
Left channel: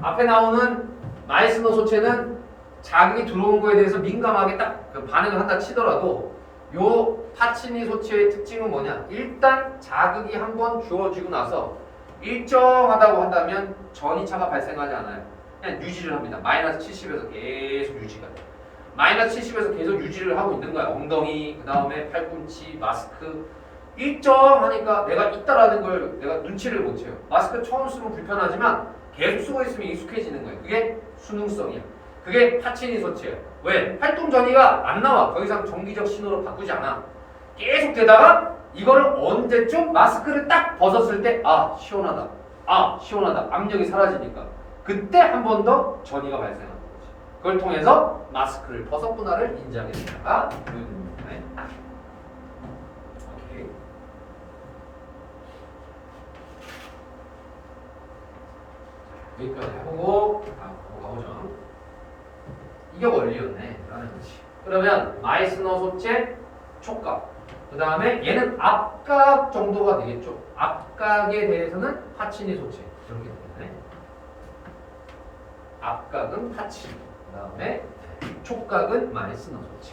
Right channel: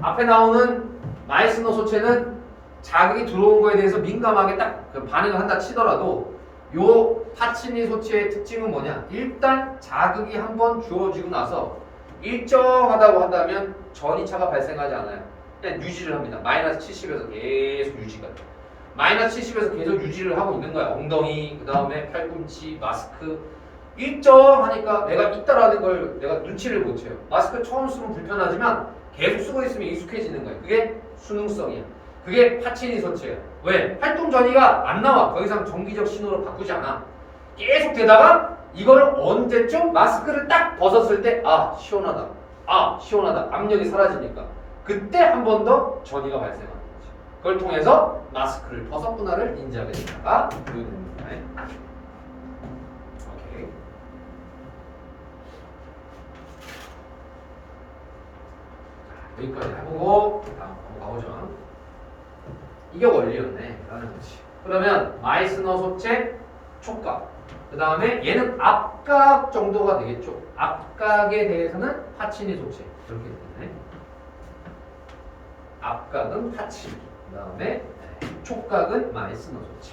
앞에 나오는 마이스너 소체는 자극이 들어온 거에 대해서 민감하게 딱 반응을 한다 치더라도 요 파치니 소체의 특징은 뭐냐? 일단 자극이 한번 주어지고 나서 일정하다고 한다면 전이차가 발생하지 않아요. 그냥 유지를 합니다. 마이너스 70에서 계속 유지가 돼요. 마이너스 70에서 계속 유지를 하고 있는 거야. 엉덩이, 그 다음에 팔꿈치, 마스크 일정하니까 내가 있다라는 걸 내가 눈치를 못 채요. 마스크 처음 쓰면 불편하지만 계속 쓰고 있으면 익숙해지는 거예요. 그게 수능성이야. 그게 파치니 소체야. 왜? 활동 전이가 안 나와. 더 이상 정기적 신호로 바꾸지 않아. 계속 되다가 이거를 언제쯤 마스크를 딱 벗었을 때 아 시원하다. 아 시원하다. 압력이 사라지니까 그때 한 번 더 전이가 발생하는 거지. 그걸 통해서 마스크를 벗었구나를 인지하게 된다가 교육입니다. 오케이. 여기까지 해보고 다음 가보죠. 이게 원리였네. 라는 거지. 그러면 마이스너 소체 촉각. 그 다음에 얘는 앞각 정도가 되겠죠. 앞각에 대해서는 파치니 소체. 이렇게 되네. 앞각은 파치니. 그 다음에 촉각은 마이스너 소체.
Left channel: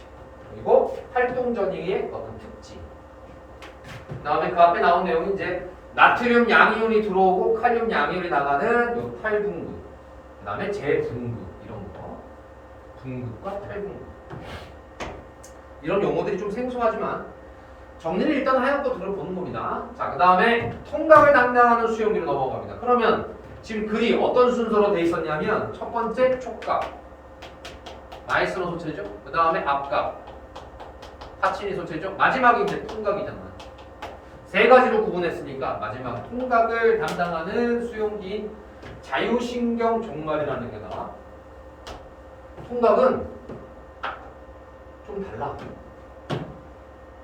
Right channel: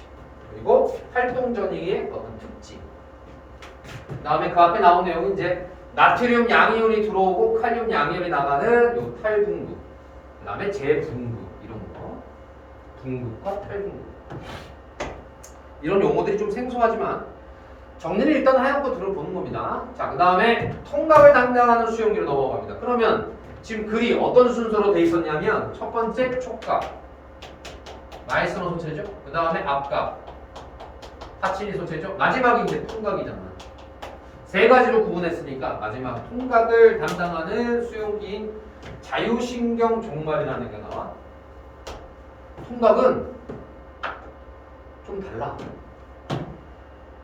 그리고 활동 전이의 어떤 특징. 그 다음에 그 앞에 나온 내용이 이제 나트륨 양이온이 들어오고 칼륨 양이온이 나가는 요 탈분구. 그 다음에 재분구. 이런 거. 분구과 탈분구. 이런 용어들이 좀 생소하지만 정리를 일단 하얀 거 들어보는 겁니다. 자, 그 다음에 통각을 담당하는 수용기로 넘어갑니다. 그러면 지금 글이 어떤 순서로 돼 있었냐면 첫 번째 촉각, 마이스너 소체죠. 그 다음에 앞각, 파치니 소체죠. 마지막이 이제 통각이잖아. 세 가지로 구분했으니까 마지막 통각을 담당하는 수용기인 자유신경 종말이라는 게 나와. 통각은 좀 달라.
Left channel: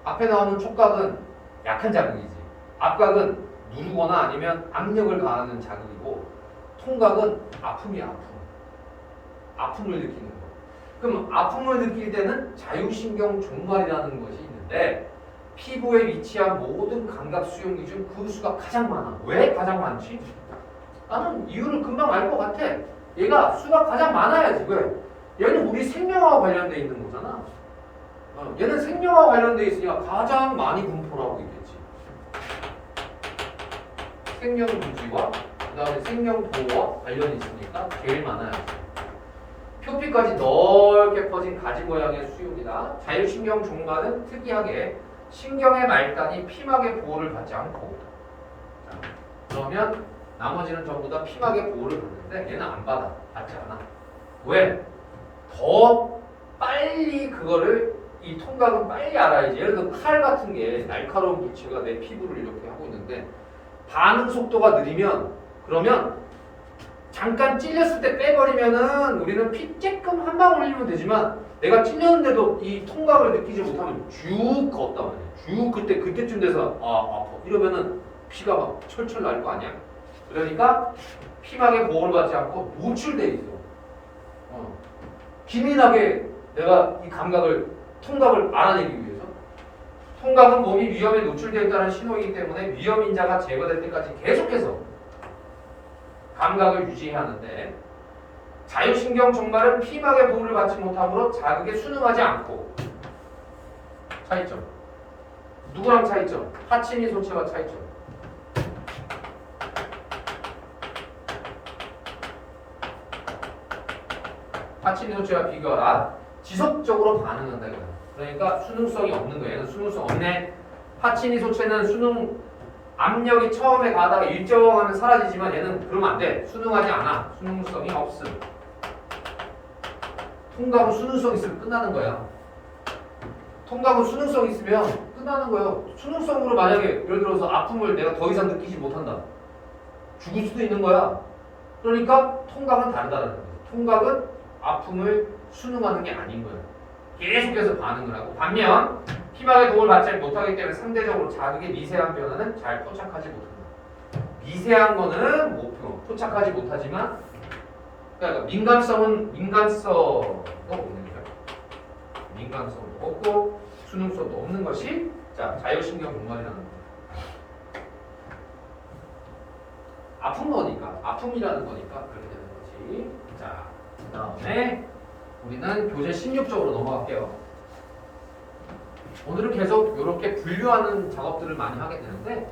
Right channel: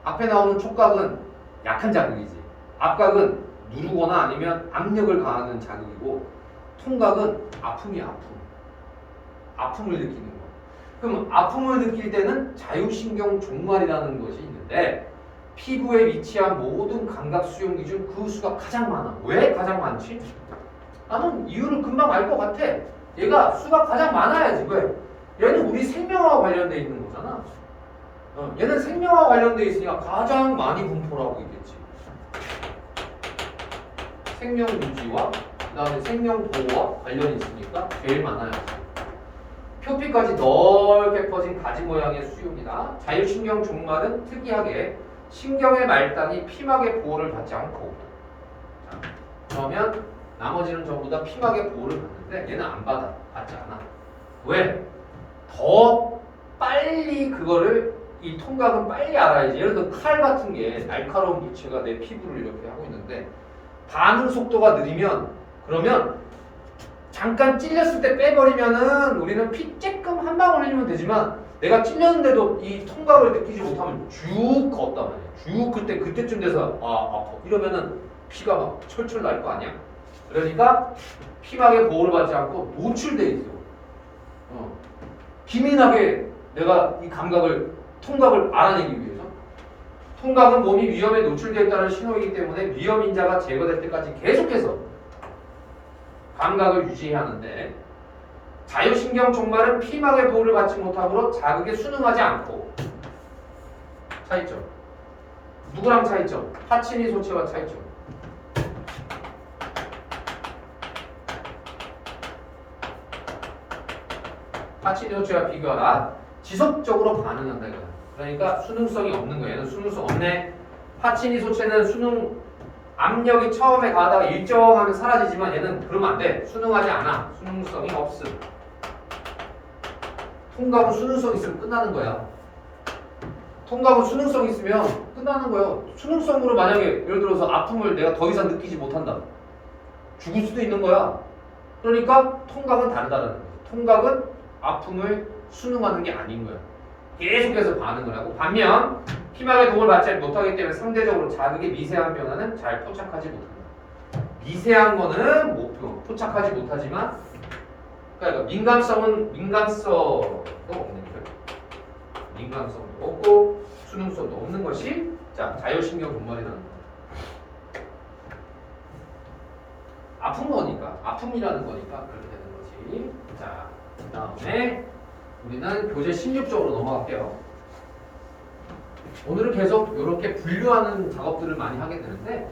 앞에 나오는 촉각은 약한 자극이지. 앞각은 누르거나 아니면 압력을 가하는 자극이고 통각은 아픔이 아픔. 아픔을 느끼는 거. 그럼 아픔을 느낄 때는 자유신경 종말이라는 것이 있는데 피부에 위치한 모든 감각 수용기 중 그 수가 가장 많아. 왜 가장 많지? 나는 이유를 금방 알 것 같아. 얘가 수가 가장 많아야지. 왜? 얘는 우리 생명과 관련돼 있는 거잖아. 얘는 생명과 관련돼 있으니까 가장 많이 분포하고 있겠지. 생명 유지와 그 다음에 생명 보호와 관련이 있으니까 제일 많아야지. 표피까지 넓게 퍼진 가지 모양의 수용이다. 자유신경 종말은 특이하게 신경의 말단이 피막의 보호를 받지 않고, 자, 그러면 나머지는 전부 다 피막의 보호를 받는데 얘는 안 받아. 받지 않아. 왜? 더 빨리 그거를 이 통각은 빨리 알아야지. 예를 들어 칼 같은 게 날카로운 물체가 내 피부를 이렇게 하고 있는데 반응 속도가 느리면 그러면 잠깐 찔렸을 때 빼버리면은 우리는 피 쬐끔 한 방울 흘리면 되지만 내가 찔렸는데도 이 통각을 느끼지 못하면 쭉 걷단 말이야. 쭉 그때쯤 돼서 아 아파 이러면은 피가 막 철철 날 거 아니야. 그러니까 피막의 보호를 받지 않고 노출돼 있어. 기민하게 내가 이 통각을 알아내기 위해서. 통각은 몸이 위험에 노출되어 있다는 신호이기 때문에 위험 인자가 제거될 때까지 계속해서 감각을 유지해야 하는데 자유신경 종말은 피막의 보호를 받지 못하므로 자극에 순응하지 않고. 차이점. 누구랑 차이점? 파치니 소체와 차이점. 파치니 소체와 비교하라. 지속적으로 반응한다 이거야. 그러니까 수능성이 없는 거예요. 얘는 수능성 없네. 파치니 소체는 수능 압력이 처음에 가다가 일정하면 사라지지만 얘는 그러면 안 돼. 수능하지 않아. 수능성이 없음. 통각은 수능성 있으면 끝나는 거야. 통각은 수능성 있으면 끝나는 거예요. 수능성으로 만약에 예를 들어서 아픔을 내가 더 이상 느끼지 못한다. 죽을 수도 있는 거야. 그러니까 통각은 다르다는 거예요. 통각은 아픔을 수능하는 게 아닌 거야. 계속해서 반응을 하고 반면 피막의 도움을 받지 못하기 때문에 상대적으로 자극의 미세한 변화는 잘 포착하지 못한다. 미세한 거는 포착하지 못하지만 그러니까 민감성도 없는 거예요. 민감성도 없고 수능성도 없는 것이 자 자율신경 종말이라는 겁니다. 아픈 거니까 아픔이라는 거니까 그렇게 되는 거지. 자 그다음에 우리는 교재 16쪽으로 넘어갈게요. 오늘은 계속 이렇게 분류하는 작업들을 많이 하게 되는데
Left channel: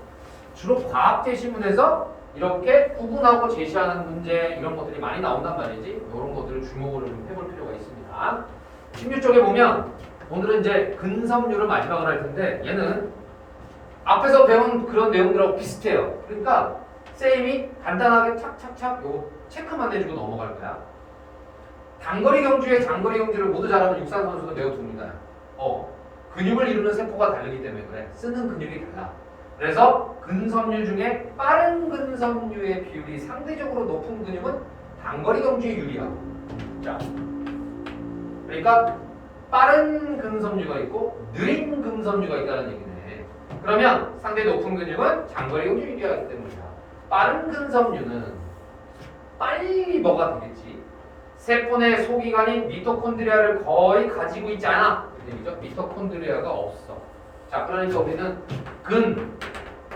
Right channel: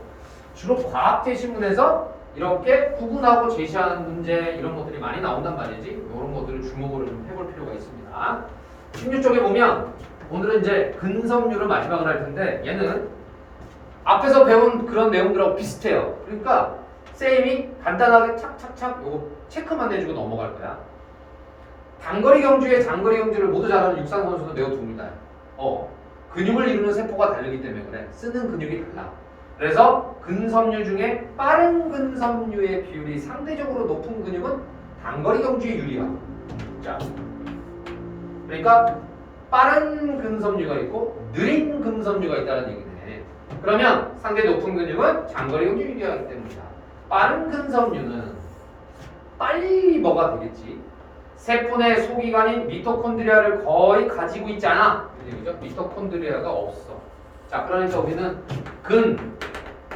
주로 과학 제시문에서 이렇게 구분하고 제시하는 문제 이런 것들이 많이 나온단 말이지. 이런 것들을 주목을 좀 해볼 필요가 있습니다. 16쪽에 보면 오늘은 이제 근섬유를 마지막으로 할 텐데 얘는 앞에서 배운 그런 내용들하고 비슷해요. 그러니까 쌤이 간단하게 착착착 요 체크만 내주고 넘어갈 거야. 단거리 경주에 장거리 경주를 모두 잘하는 육상 선수도 매우 드뭅니다. 근육을 이루는 세포가 다르기 때문에 그래. 쓰는 근육이 달라. 그래서 근섬유 중에 빠른 근섬유의 비율이 상대적으로 높은 근육은 단거리 경주에 유리하고. 자, 그러니까 빠른 근섬유가 있고 느린 근섬유가 있다는 얘기네. 그러면 상대 높은 근육은 장거리 경주에 유리하기 때문이다. 빠른 근섬유는 빨리 뭐가 되겠지? 세포 내 소기관인 미토콘드리아를 거의 가지고 있지 않아. 이런 얘기죠. 미토콘드리아가 없어. 자, 그러니까 우리는 근,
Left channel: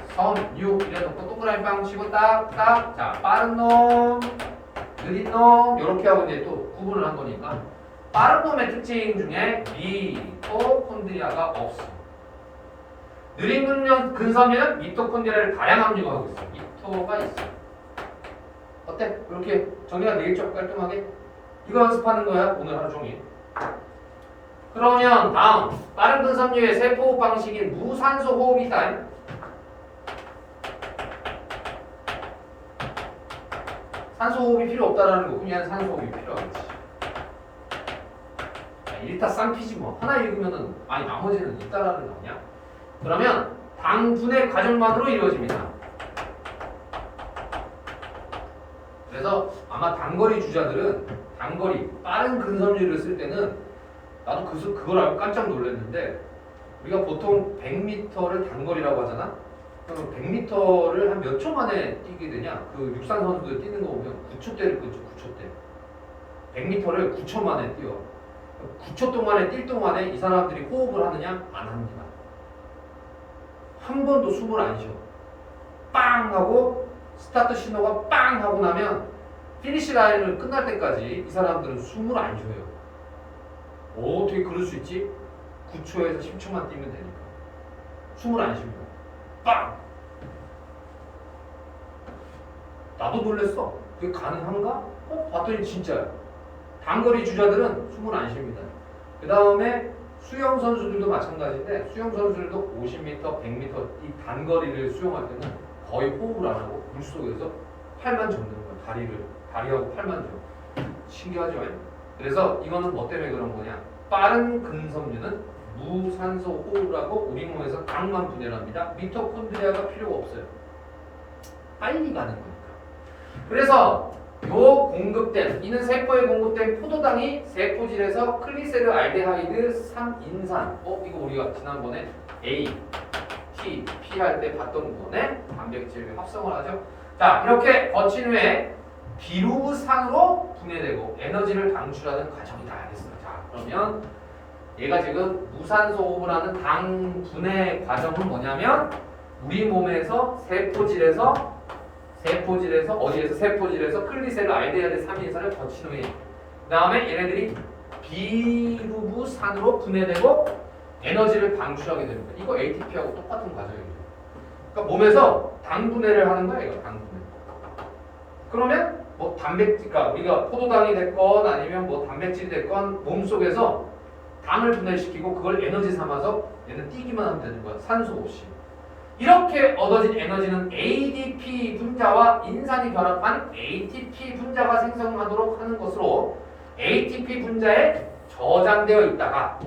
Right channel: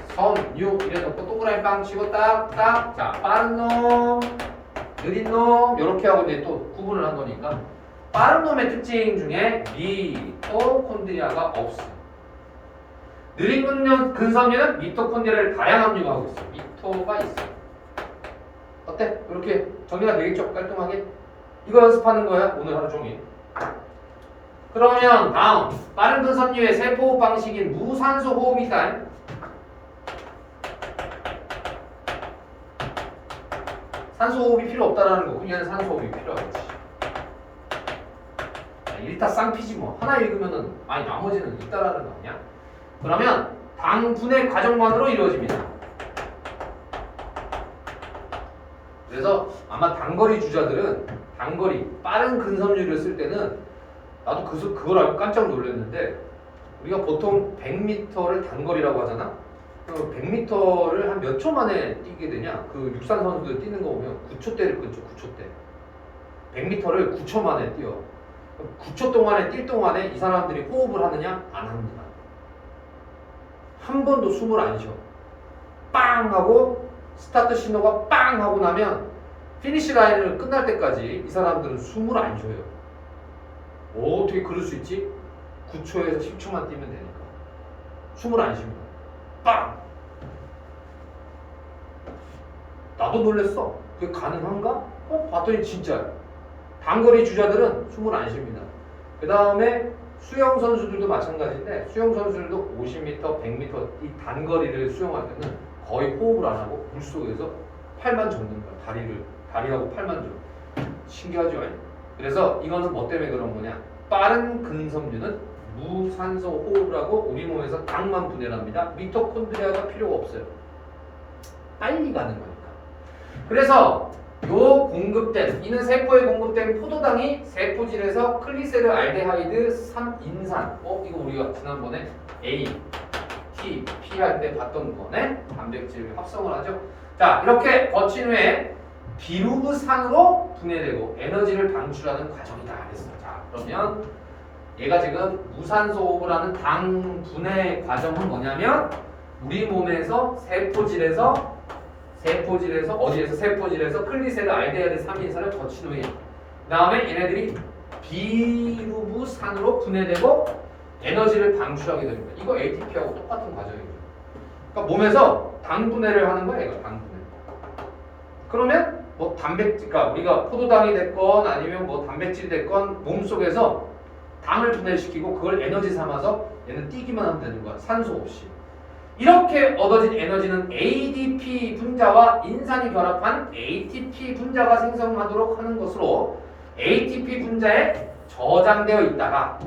섬, 유 이래놓고 동그라미 빵 치고 딱딱. 자, 빠른 놈, 느린 놈 이렇게 하고 이제 또 구분을 한 거니까 빠른 놈의 특징 중에 미토콘드리아가 없어. 느린 근섬유는 미토콘드리아를 다량 함유하고 있어. 미토가 있어. 어때? 이렇게 정리가 되겠죠? 깔끔하게. 이거 연습하는 거야 오늘 하루 종일. 그러면 다음 빠른 근섬유의 세포호흡 방식인 무산소 호흡이다. 산소 호흡이 필요 없다라는 거. 그냥 산소 호흡이 필요하겠지. 일타쌍피지 뭐. 하나 읽으면은 아니 나머지는 있다라는 거 아니야? 그러면 당분의 과정만으로 이루어집니다. 그래서 아마 단거리 주자들은 단거리 빠른 근섬유를 쓸 때는 나도 그걸 알고 깜짝 놀랐는데 우리가 보통 100m를 단거리라고 하잖아. 100m를 한 몇 초 만에 뛰게 되냐? 그 육산 선수들 뛰는 거 보면 9초대를 끊죠. 9초대. 100m를 9초 만에 뛰어. 9초 동안에 뛸 동안에 이 사람들이 호흡을 하느냐? 안 합니다. 한 번도 숨을 안 쉬어. 빵 하고 스타트 신호가 빵 하고 나면 피니시 라인을 끝날 때까지 이 사람들은 숨을 안 쉬어요. 어떻게 그럴 수 있지? 9초에서 10초만 뛰면 되니까. 숨을 안 쉽니다. 빵! 나도 놀랬어. 그게 가능한가? 봤더니 진짜야. 단거리 주자들은 숨을 안 쉽니다. 그 다음에 수영 선수들도 마찬가지인데 수영 선수들도 50m, 100m 이 단거리를 수영할 때는 거의 호흡을 안 하고 물속에서 팔만 접는 거야. 다리하고 팔만 접. 신기하죠? 그래서 이거는 뭐 때문에 그런 거냐? 빠른 근섬유는 무산소 호흡을 하고 우리 몸에서 당만 분해를 합니다. 미토콘드리아가 필요가 없어요. 빨리 가는 거니까. 그래서 요 공급된 이는 세포에 공급된 포도당이 세포질에서 클리세르 알데하이드 3인산 이거 우리가 지난번에 A, T, P 할 때 봤던 거네. 단백질 합성을 하죠. 자, 이렇게 거친 후에 비루산으로 분해되고 에너지를 방출하는 과정이다 했어요. 자, 그러면 얘가 지금 무산소 호흡을 하는 당 분해 과정은 뭐냐면 우리 몸에서 세포질에서 클리세르 알데하이드 3인산을 거친 후에 그 다음에 얘네들이 비루산으로 분해되고 에너지를 방출하게 됩니다. 이거 ATP하고 똑같은 과정이에요. 그러니까 몸에서 당 분해를 하는 거야. 이거 당 분해. 그러면 뭐 단백질, 그러니까 우리가 포도당이 됐건 아니면 뭐 단백질이 됐건 몸속에서 당을 분해시키고 그걸 에너지 삼아서 얘는 뛰기만 하면 되는 거야. 산소 없이. 이렇게 얻어진 에너지는 ADP 분자와 인산이 결합한 ATP 분자가 생성하도록 하는 것으로 ATP 분자에 저장되어 있다가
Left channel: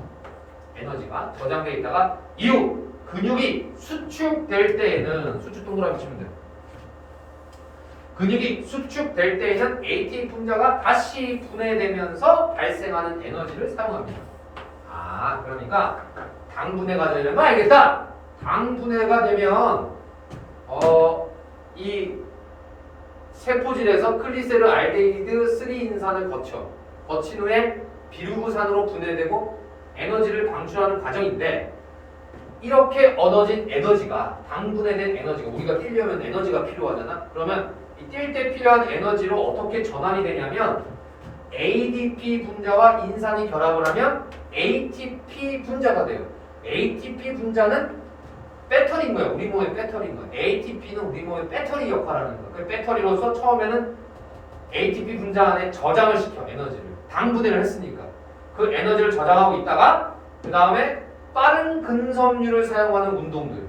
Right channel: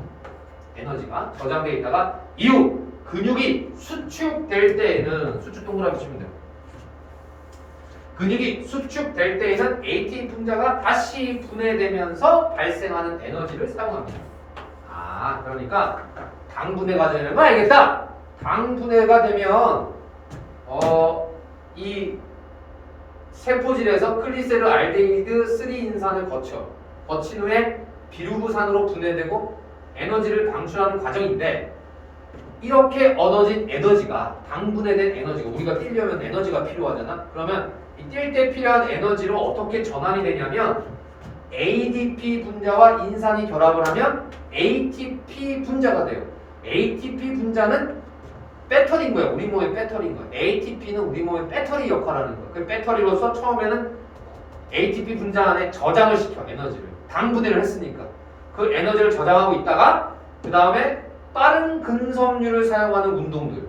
에너지가 저장되어 있다가 이후 근육이 수축될 때에는 수축 동그라미 치면 돼요. 근육이 수축될 때에는 ATP 분자가 다시 분해되면서 발생하는 에너지를 사용합니다. 그러니까 당 분해 과정이라는 거 알겠다. 당 분해가 되면 이 세포질에서 클리세르 알데히드 3인산을 거친 후에 비루산으로 분해되고 에너지를 방출하는 과정인데 이렇게 얻어진 에너지가 당 분해된 에너지가 우리가 뛰려면 에너지가 필요하잖아. 그러면 이 뛸 때 필요한 에너지로 어떻게 전환이 되냐면 ADP 분자와 인산이 결합을 하면 ATP 분자가 돼요. ATP 분자는 배터리인 거야. 우리 몸의 배터리인 거야. ATP는 우리 몸의 배터리 역할을 하는 거야. 그 배터리로서 처음에는 ATP 분자 안에 저장을 시켜. 에너지를. 당 분해를 했으니까. 그 에너지를 저장하고 있다가 그 다음에 빠른 근섬유를 사용하는 운동들.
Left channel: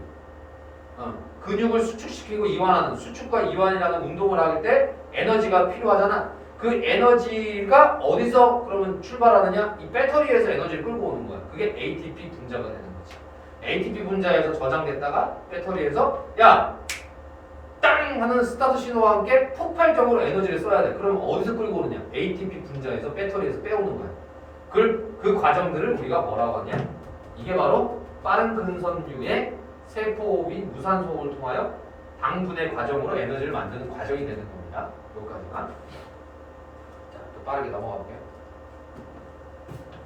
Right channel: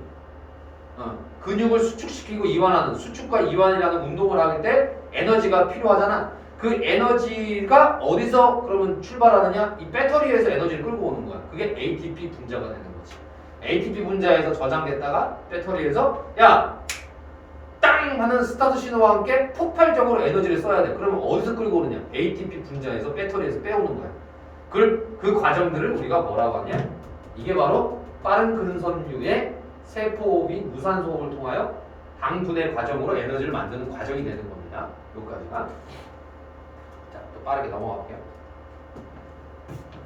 근육을 수축시키고 이완하는 수축과 이완이라는 운동을 할 때 에너지가 필요하잖아. 그 에너지가 어디서 그러면 출발하느냐? 이 배터리에서 에너지를 끌고 오는 거야. 그게 ATP 분자가 되는 거지. ATP 분자에서 저장됐다가 배터리에서 야! 땅! 하는 스타트 신호와 함께 폭발적으로 에너지를 써야 돼. 그러면 어디서 끌고 오느냐? ATP 분자에서 배터리에서 빼오는 거야. 그 과정들을 우리가 뭐라고 하냐? 이게 바로 빠른 근섬유의 세포 및 무산소호흡을 통하여 당 분해 과정으로 에너지를 만드는 과정이 되는 겁니다. 여기까지가. 자, 또 빠르게 넘어가 볼게요.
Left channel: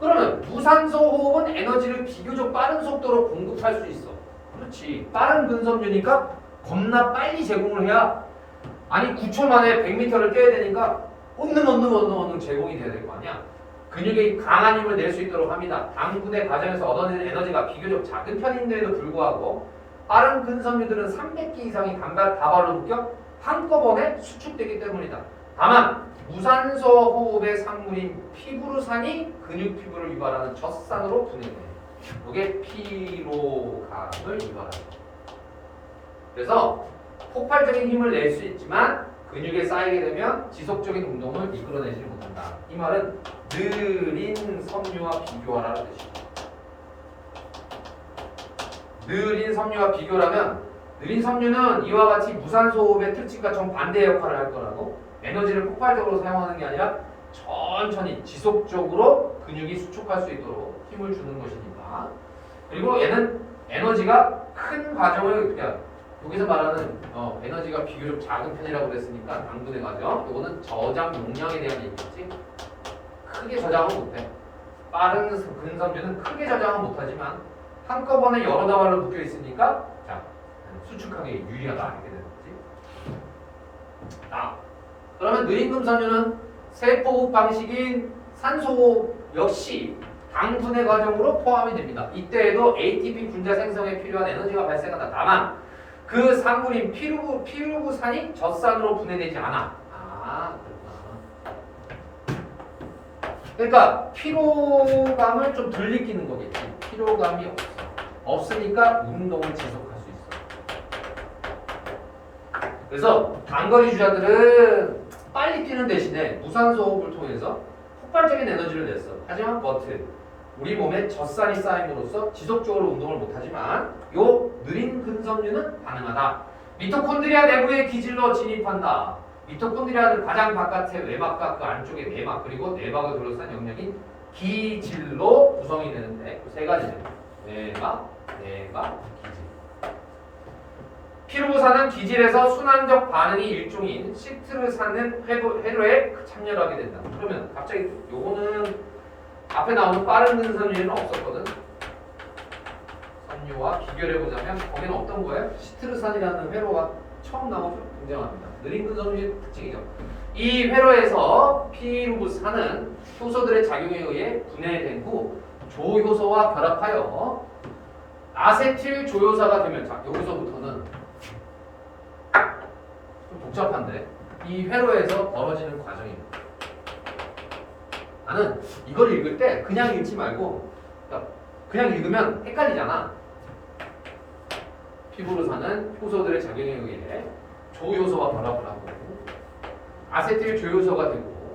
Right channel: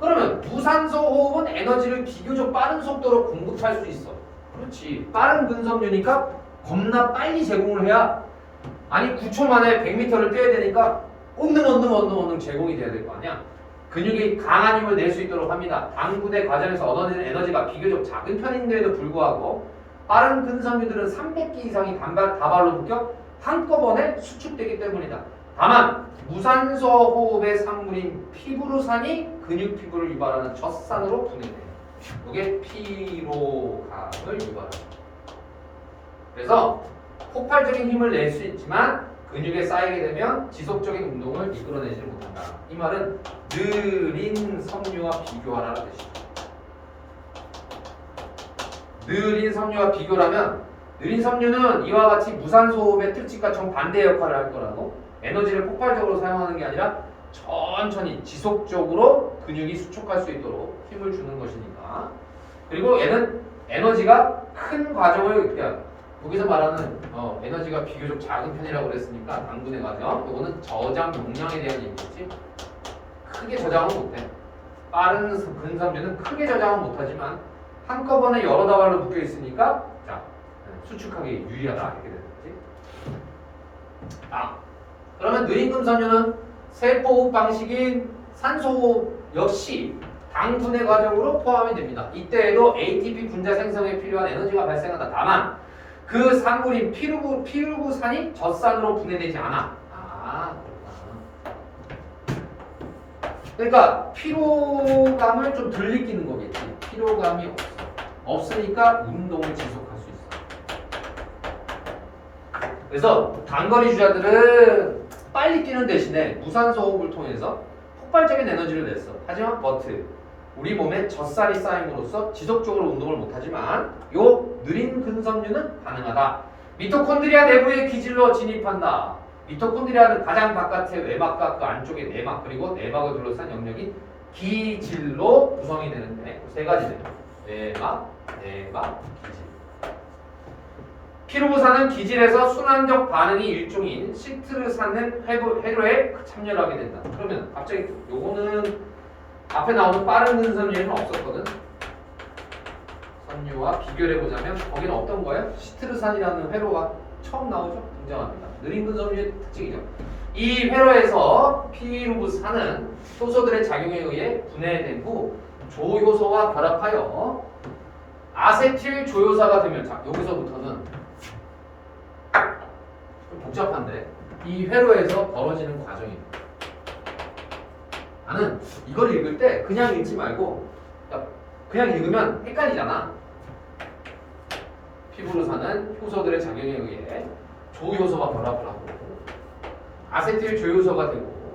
그러면 무산소 호흡은 에너지를 비교적 빠른 속도로 공급할 수 있어. 그렇지. 빠른 근섬유니까 겁나 빨리 제공을 해야 아니 9초 만에 100m를 뛰어야 되니까 언능 제공이 돼야 될 거 아니야. 근육이 강한 힘을 낼 수 있도록 합니다. 당 분해 과정에서 얻어내는 에너지가 비교적 작은 편인데도 불구하고 빠른 근섬유들은 300기 이상이 다발로 묶여 한꺼번에 수축되기 때문이다. 다만 무산소 호흡의 산물인 피부루산이 근육 피부를 유발하는 젖산으로 분해돼. 이게 피로감을 유발한다. 그래서 폭발적인 힘을 낼 수 있지만 근육에 쌓이게 되면 지속적인 운동을 이끌어내지 못한다. 이 말은 느린 섬유와 비교하라는 뜻이다. 느린 섬유와 비교라면 느린 섬유는 이와 같이 무산소 호흡의 특징과 정반대 역할을 할 거라고. 에너지를 폭발적으로 사용하는 게 아니라 천천히 지속적으로 근육이 수축할 수 있도록 힘을 주는 것이니까. 그리고 얘는 에너지가 큰 과정을 그냥 여기서 말하는 에너지가 비교적 작은 편이라고 그랬으니까 당분의 과정. 이거는 저장 용량에 대한 얘기겠지. 크게 저장은 못해. 빠른 근섬유는 크게 저장은 못하지만 한꺼번에 여러 다발로 묶여 있으니까 자 수축하기 유리하다 이렇게 되는 거지. 그러면 느린 근섬유는 세포호흡 방식인 산소호흡 역시 당 분해 과정으로 포함이 됩니다. 이때에도 ATP 분자 생성에 필요한 에너지가 발생한다. 다만 그 산물인 피루부산이 젖산으로 분해되지 않아. 그렇구나. 그러니까 피로감을 좀 덜 느끼는 거겠지. 피로감이 없으니까 운동을 지속할 수 있어. 그래서 단거리 주자들은 빨리 뛰는 대신에 무산소 호흡을 통해서 폭발적인 에너지를 냈어. 하지만 우리 몸에 젖살이 쌓임으로써 지속적으로 운동을 못하지만 요 느린 근섬유는 가능하다. 미토콘드리아 내부의 기질로 진입한다. 미토콘드리아는 가장 바깥의 외막과 그 안쪽의 내막 그리고 내막을 둘러싼 영역이 기질로 구성이 되는데 세 가지네. 내막, 기질. 피루부산은 기질에서 순환적 반응이 일종인 시트르산은 회로에 참여하게 된다. 그러면 갑자기 요거는 앞에 나오는 빠른 근섬유에는 없었거든. 섬유와 비교를 해보자면 거기는 어떤 거예요? 시트르산이라는 회로가 처음 나오죠? 등장합니다. 느린 근섬유의 특징이죠. 이 회로에서 피루부산은 효소들의 작용에 의해 분해된 후 조효소와 결합하여 아세틸 조효사가 되면 자 여기서부터는 좀 복잡한데 이 회로에서 벌어지는 과정입니다. 나는 이걸 읽을 때 그냥 읽지 말고 그냥 읽으면 헷갈리잖아. 피부로 사는 효소들의 작용에 의해 조효소와 결합을 하고 아세틸 조효소가 되고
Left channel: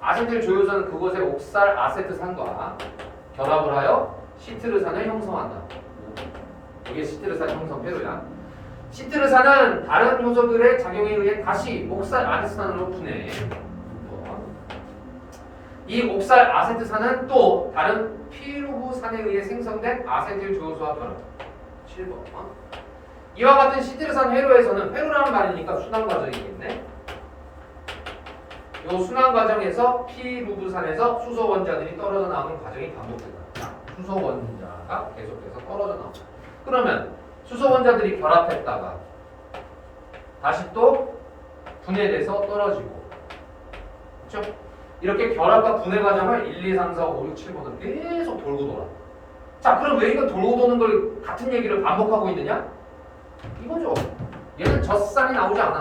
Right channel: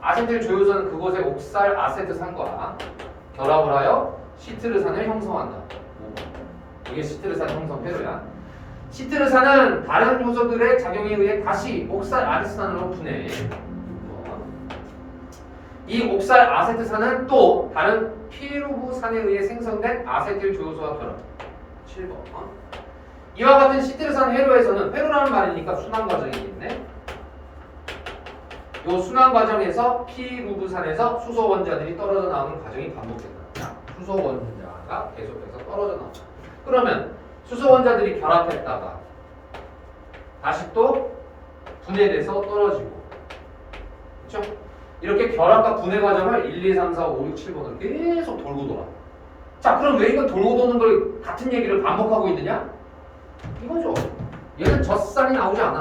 아세틸 조효소는 그것의 옥살 아세트산과 결합을 하여 시트르산을 형성한다. 이게 시트르산 형성 회로야. 시트르산은 다른 효소들의 작용에 의해 다시 옥살 아세트산으로 분해. 이 옥살 아세트산은 또 다른 피루부산에 의해 생성된 아세틸 조효소와 결합. 7번. 이와 같은 시트르산 회로에서는 회로라는 말이니까 순환 과정이겠네. 이 순환 과정에서 피루부산에서 수소 원자들이 떨어져 나오는 과정이 반복된다. 수소 원자가 계속해서 떨어져 나온다. 그러면 수소 원자들이 결합했다가 다시 또 분해돼서 떨어지고, 그렇죠? 이렇게 결합과 분해 과정을 1, 2, 3, 4, 5, 6, 7번을 계속 돌고 돌아. 자, 그럼 왜 이건 돌고 도는 걸 같은 얘기를 반복하고 있느냐? 이거죠. 얘는 젖산이 나오지 않아.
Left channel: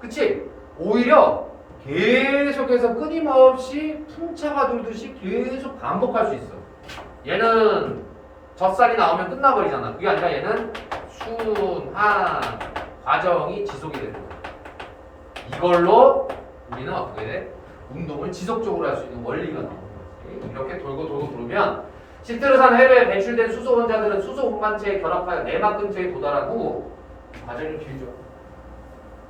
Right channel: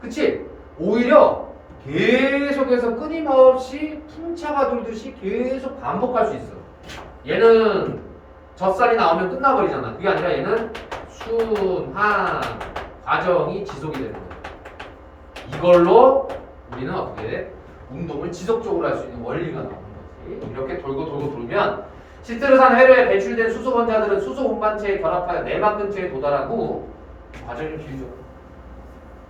그치? 오히려 계속해서 끊임없이 풍차가 돌듯이 계속 반복할 수 있어. 얘는 젖살이 나오면 끝나버리잖아. 그게 아니라 얘는 순환 과정이 지속이 되는 거야. 이걸로 우리는 어떻게 돼? 운동을 지속적으로 할 수 있는 원리가 나오는 거지. 이렇게 돌고 돌고 돌면 시트르산 회로에 배출된 수소 원자들은 수소 운반체에 결합하여 내막 근처에 도달한 후 과정이 좀 길죠.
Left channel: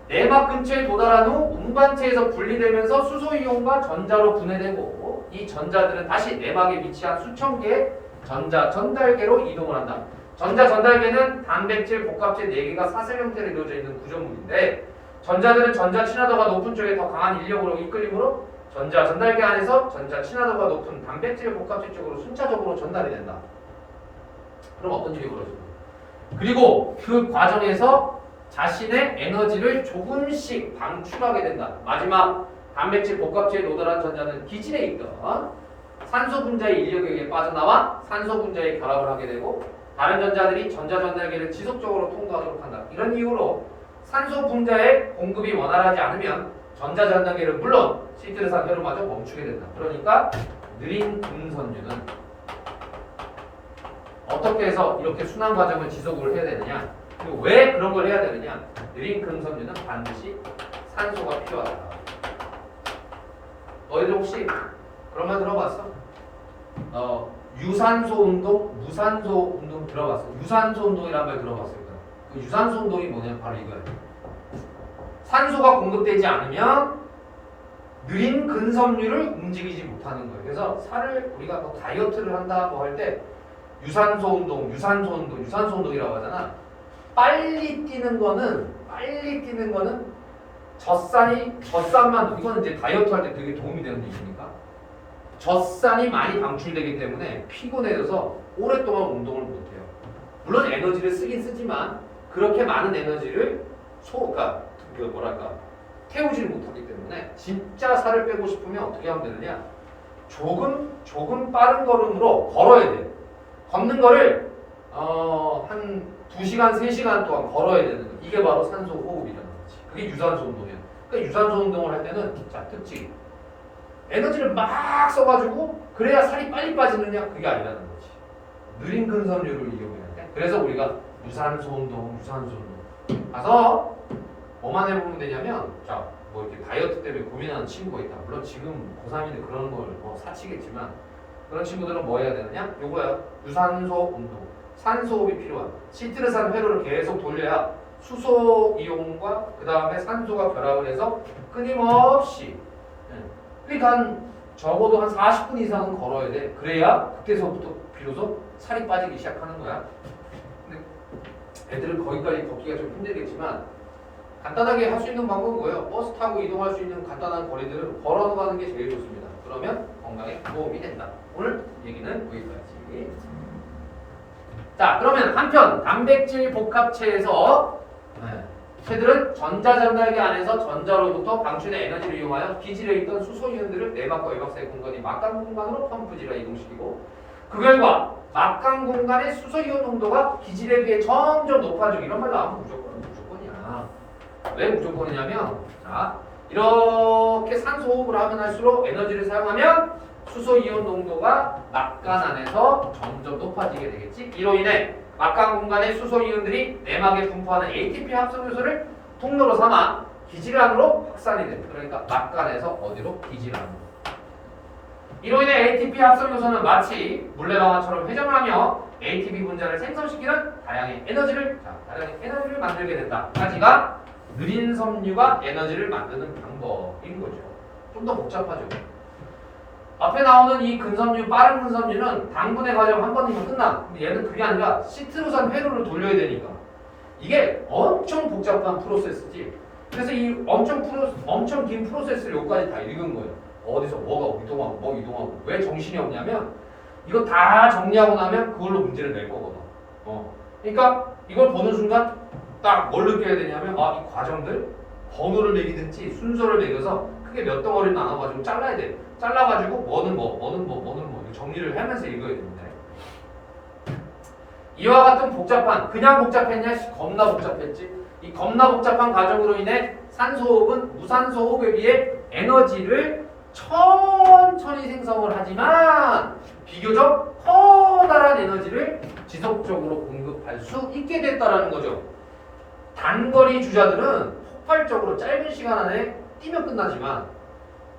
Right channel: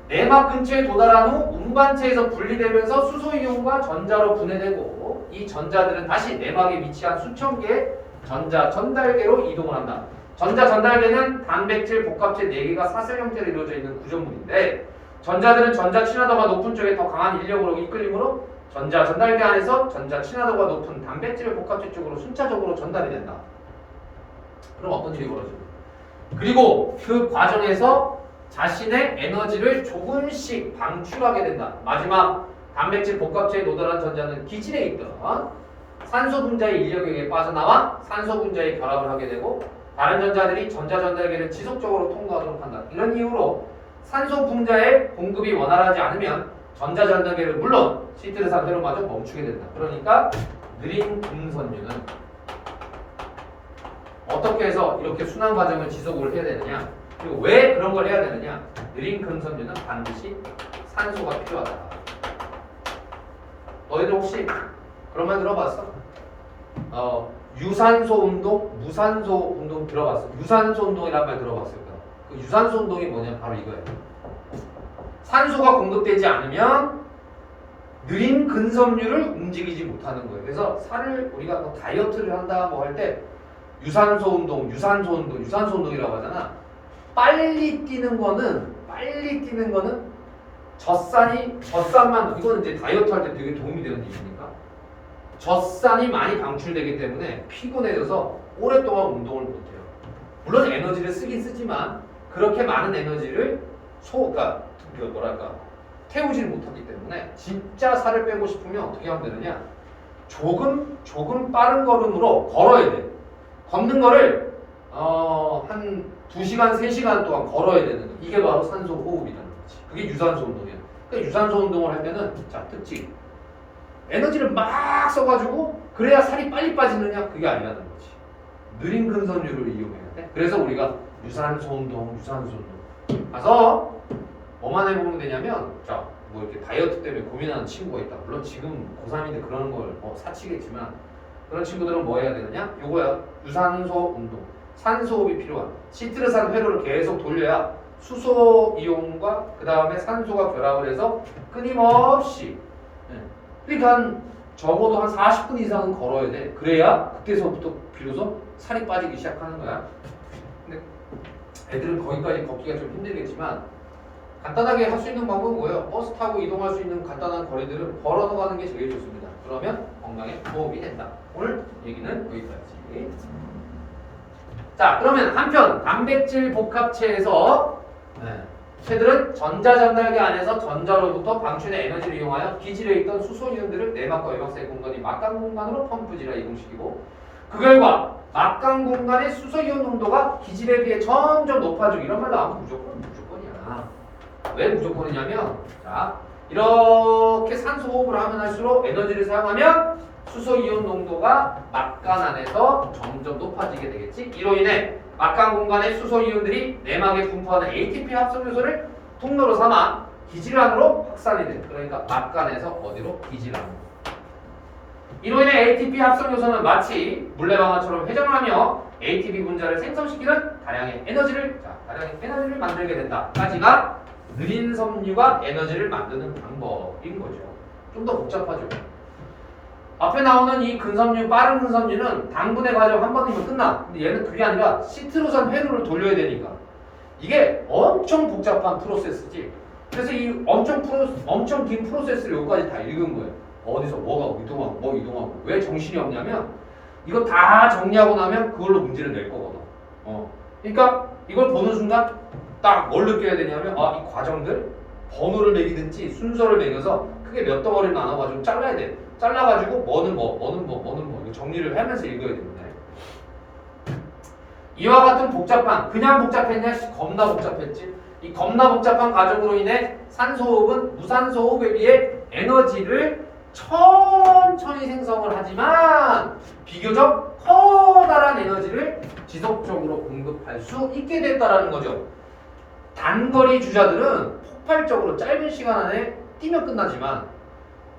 내막 근처에 도달한 후 운반체에서 분리되면서 수소 이온과 전자로 분해되고 이 전자들은 다시 내막에 위치한 수천 개의 전자 전달계로 이동을 한다. 전자 전달계는 단백질 복합체 4개가 사슬 형태로 이루어져 있는 구조물인데 전자들은 전자 친화도가 높은 쪽에 더 강한 인력으로 이끌림으로 전자 전달계 안에서 전자 친화도가 높은 단백질 복합체 쪽으로 순차적으로 전달이 된다. 그럼 어떤 일이 벌어집니까? 그리고 그 과정에서 자신의 에너지를 조금씩 방출하게 된다. 마지막 단백질 복합체에 도달한 전자는 기질에 있던 산소 분자의 인력에게 빠져나와 산소 분자에 결합을 하게 되고 다른 전자들이 전자 전달계를 지속적으로 통과하도록 한다. 이런 이유로 산소 분자의 공급이 원활하지 않으면 전자 전달계를 물론 시트르산 회로마저 멈추게 된다. 그러니까 느린 금선유는 어떻게 해서 이렇게 순환 과정을 지속을 해야 되느냐? 그리고 왜 그런 걸 해야 되느냐? 느린 금선유는 반드시 산소가 필요하다. 너희들 혹시 그런 말 들어봤어? 유산소 운동, 무산소 운동 들어봤어? 유산소 운동이란 말 들어봤을 거야. 그 유산소 운동이 뭐냐면 바로 이거야. 산소가 공급되지 않으면 느린 근섬유를 움직이지 못하는 거예요. 그래서 살을 우리가 뭐 다이어트를 한다 뭐 할 때 유산소 운동이라고 하잖아. 빨리 뛰는 거는 젖산만 이거는 이제 다이어트 할 때 되게 도움이 되는 얘기니까 젖산이 많이 방출되기 때문에 피곤해져서 오랫동안 운동을 못 해요. 물론 에너지를 쓰긴 쓰지만 그렇게 많은 에너지를 태우지를 못하기 때문에 진짜 살을 빼고 싶으면 어떻게 하면 되느냐? 조금 빠른 걸음으로 걸어야 돼. 걷는 거를 한 2시간, 3시간 동안 걸어야 되는 거. 이게 바로 산소 호흡이라는 거지. 그게 유산소 운동이야. 그러니까 유산소 운동을 할 때는 자, 특징. 에너지를 막 써가지고 그래야 살이 빨리 빠지느냐? 그게 아니라는 거지. 느린 근선율을 이용해야 돼. 그래서 우리가 유산소 운동 가서 뭐만 해보면 되냐면 자, 뭐 이렇게 다이어트 때문에 고민하는 친구가 있다. 물론 지금 고3인데 그런 걸 뭐 사치겠지만 그런 친구들은 뭐 해야 되느냐? 요거야. 유산소 운동. 산소호흡이 필요한 시트르산 회로를 계속 돌려야 수소 이온과 그 다음에 산소가 결합을 해서 끊임없이 그러니까 적어도 한 40분 이상은 걸어야 돼. 그래야 그때서부터 비로소 살이 빠지기 시작하는 거야. 근데 애들은 거기까지 걷기가 좀 힘들겠지만 간단하게 할 수 있는 방법은 뭐예요? 버스 타고 이동할 수 있는 간단한 거리들은 걸어서 가는 게 제일 좋습니다. 그러면 건강에 도움이 된다. 오늘 얘기는 여기까지. 자, 그러면 한편 단백질 복합체에서 새들은 전자 전달계 안에서 전자로부터 방출된 에너지를 이용하여 기질에 있던 수소 이온들을 내막과 외막 사이 공간이 막강 공간으로 펌프질하 이동시키고 그 결과 막강 공간의 수소 이온 농도가 기질에 비해 점점 높아지고 이런 말로 하면 무조건이야. 왜 무조건이냐면 자, 이렇게 산소 호흡을 하면 할수록 에너지를 사용하면 수소 이온 농도가 막간 안에서 점점 높아지게 되겠지. 이로 인해 막간 공간의 수소 이온들이 내막에 분포하는 ATP 합성 요소를 통로로 삼아 기질 안으로 확산이 돼. 그러니까 막간에서 어디로? 기질 안으로. 이로 인해 ATP 합성 요소는 마치 물레방아처럼 회전을 하며 ATP 분자를 생성시키는 다량의 에너지를 만들게 된다. 까지가 느린 섬유가 에너지를 만드는 방법인 거죠. 좀 더 복잡하죠. 앞에 나오는 이 근섬유, 빠른 근섬유는 당분의 과정 한 번이면 끝나. 근데 얘는 그게 아니라 시트르산 회로를 돌려야 되니까 이게 엄청 복잡한 프로세스지. 그래서 이 엄청 긴 프로세스를 여기까지 다 읽은 거예요. 어디서 뭐가 이동하고 뭐 이동하고 왜 정신이 없냐면 이거 다 정리하고 나면 그걸로 문제를 낼 거거든. 그러니까 이걸 보는 순간 딱 뭘 느껴야 되냐면 이 과정들 번호를 매기든지 순서를 매겨서 크게 몇 덩어리로 나눠가지고 잘라야 돼. 잘라가지고 뭐는 뭐 정리를 하면서 읽어야 됩니다. 이와 같은 복잡한 그냥 복잡했냐? 겁나 복잡했지. 이 겁나 복잡한 과정으로 인해 산소호흡은 무산소호흡에 비해 에너지를 천천히 생성을 하지만 비교적 커다란 에너지를 지속적으로 공급할 수 있게 됐다라는 거죠. 단거리 주자들은 폭발적으로 짧은 시간 안에 뛰면 끝나지만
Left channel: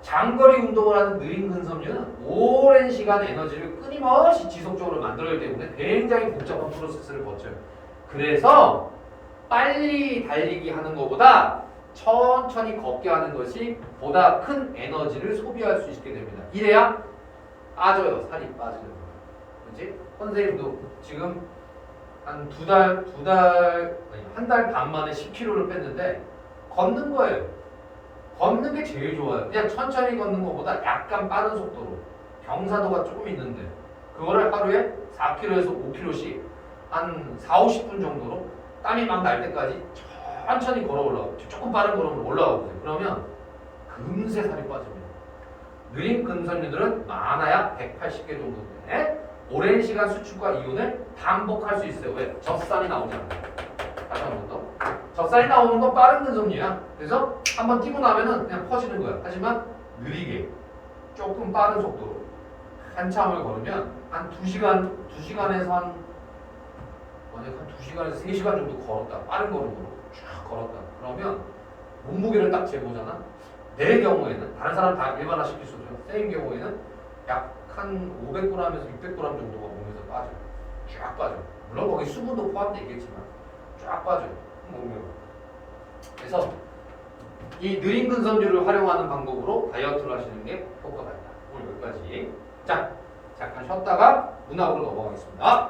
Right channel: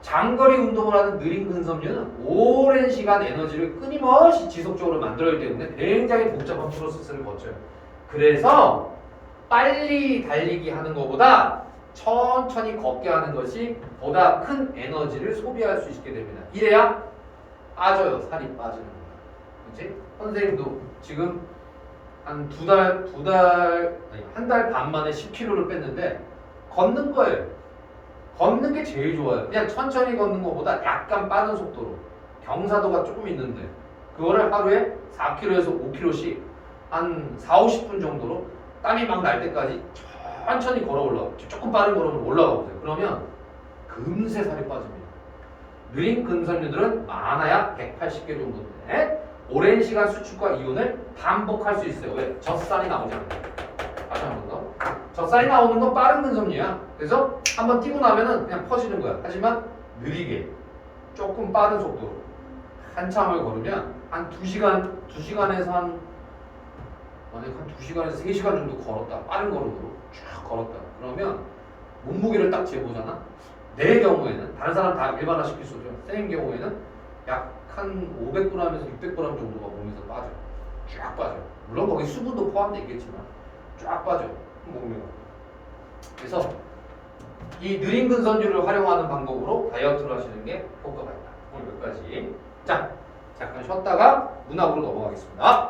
장거리 운동을 하는 느린 근섬유는 오랜 시간 에너지를 끊임없이 지속적으로 만들어야 되는데 굉장히 복잡한 프로세스를 거쳐요. 그래서 빨리 달리기 하는 것보다 천천히 걷게 하는 것이 보다 큰 에너지를 소비할 수 있게 됩니다. 이래야 빠져요. 살이 빠지는 거예요. 그렇지? 선생님도 지금 한 한 달 반 만에 10kg를 뺐는데 걷는 거예요. 걷는 게 제일 좋아요. 그냥 천천히 걷는 것보다 약간 빠른 속도로 경사도가 조금 있는데 그거를 하루에 4km에서 5km씩 한 4, 50분 정도로 땀이 막 날 때까지 천천히 걸어 올라가고 조금 빠른 걸음으로 올라가 보세요. 그러면 금세 살이 빠집니다. 느린 근섬유들은 많아야 180개 정도인데 오랜 시간 수축과 이온을 반복할 수 있어요. 왜? 젖살이 나오잖아요. 다시 한 번 더. 젖살이 나오는 건 빠른 근섬유야. 그래서 한번 뛰고 나면은 그냥 퍼지는 거야. 하지만 느리게 조금 빠른 속도로 한참을 걸으면 한 2시간에서 한 2시간에서 3시간 정도 걸었다. 빠른 걸음으로 쫙 걸었다. 그러면 몸무게를 딱 재보잖아. 내 경우에는 다른 사람 다 일반화 시킬 수 있죠. 쌤 경우에는 약 한 500g에서 600g 정도가 몸에서 빠져요. 쫙 빠져요. 물론 거기 수분도 포함되어 있겠지만 쫙 빠져요. 몸무게가. 그래서 이 느린 근섬유를 활용하는 방법으로 다이어트를 하시는 게 효과가 있다. 오늘 여기까지. 자, 잠깐 쉬었다가 문학으로 넘어가겠습니다.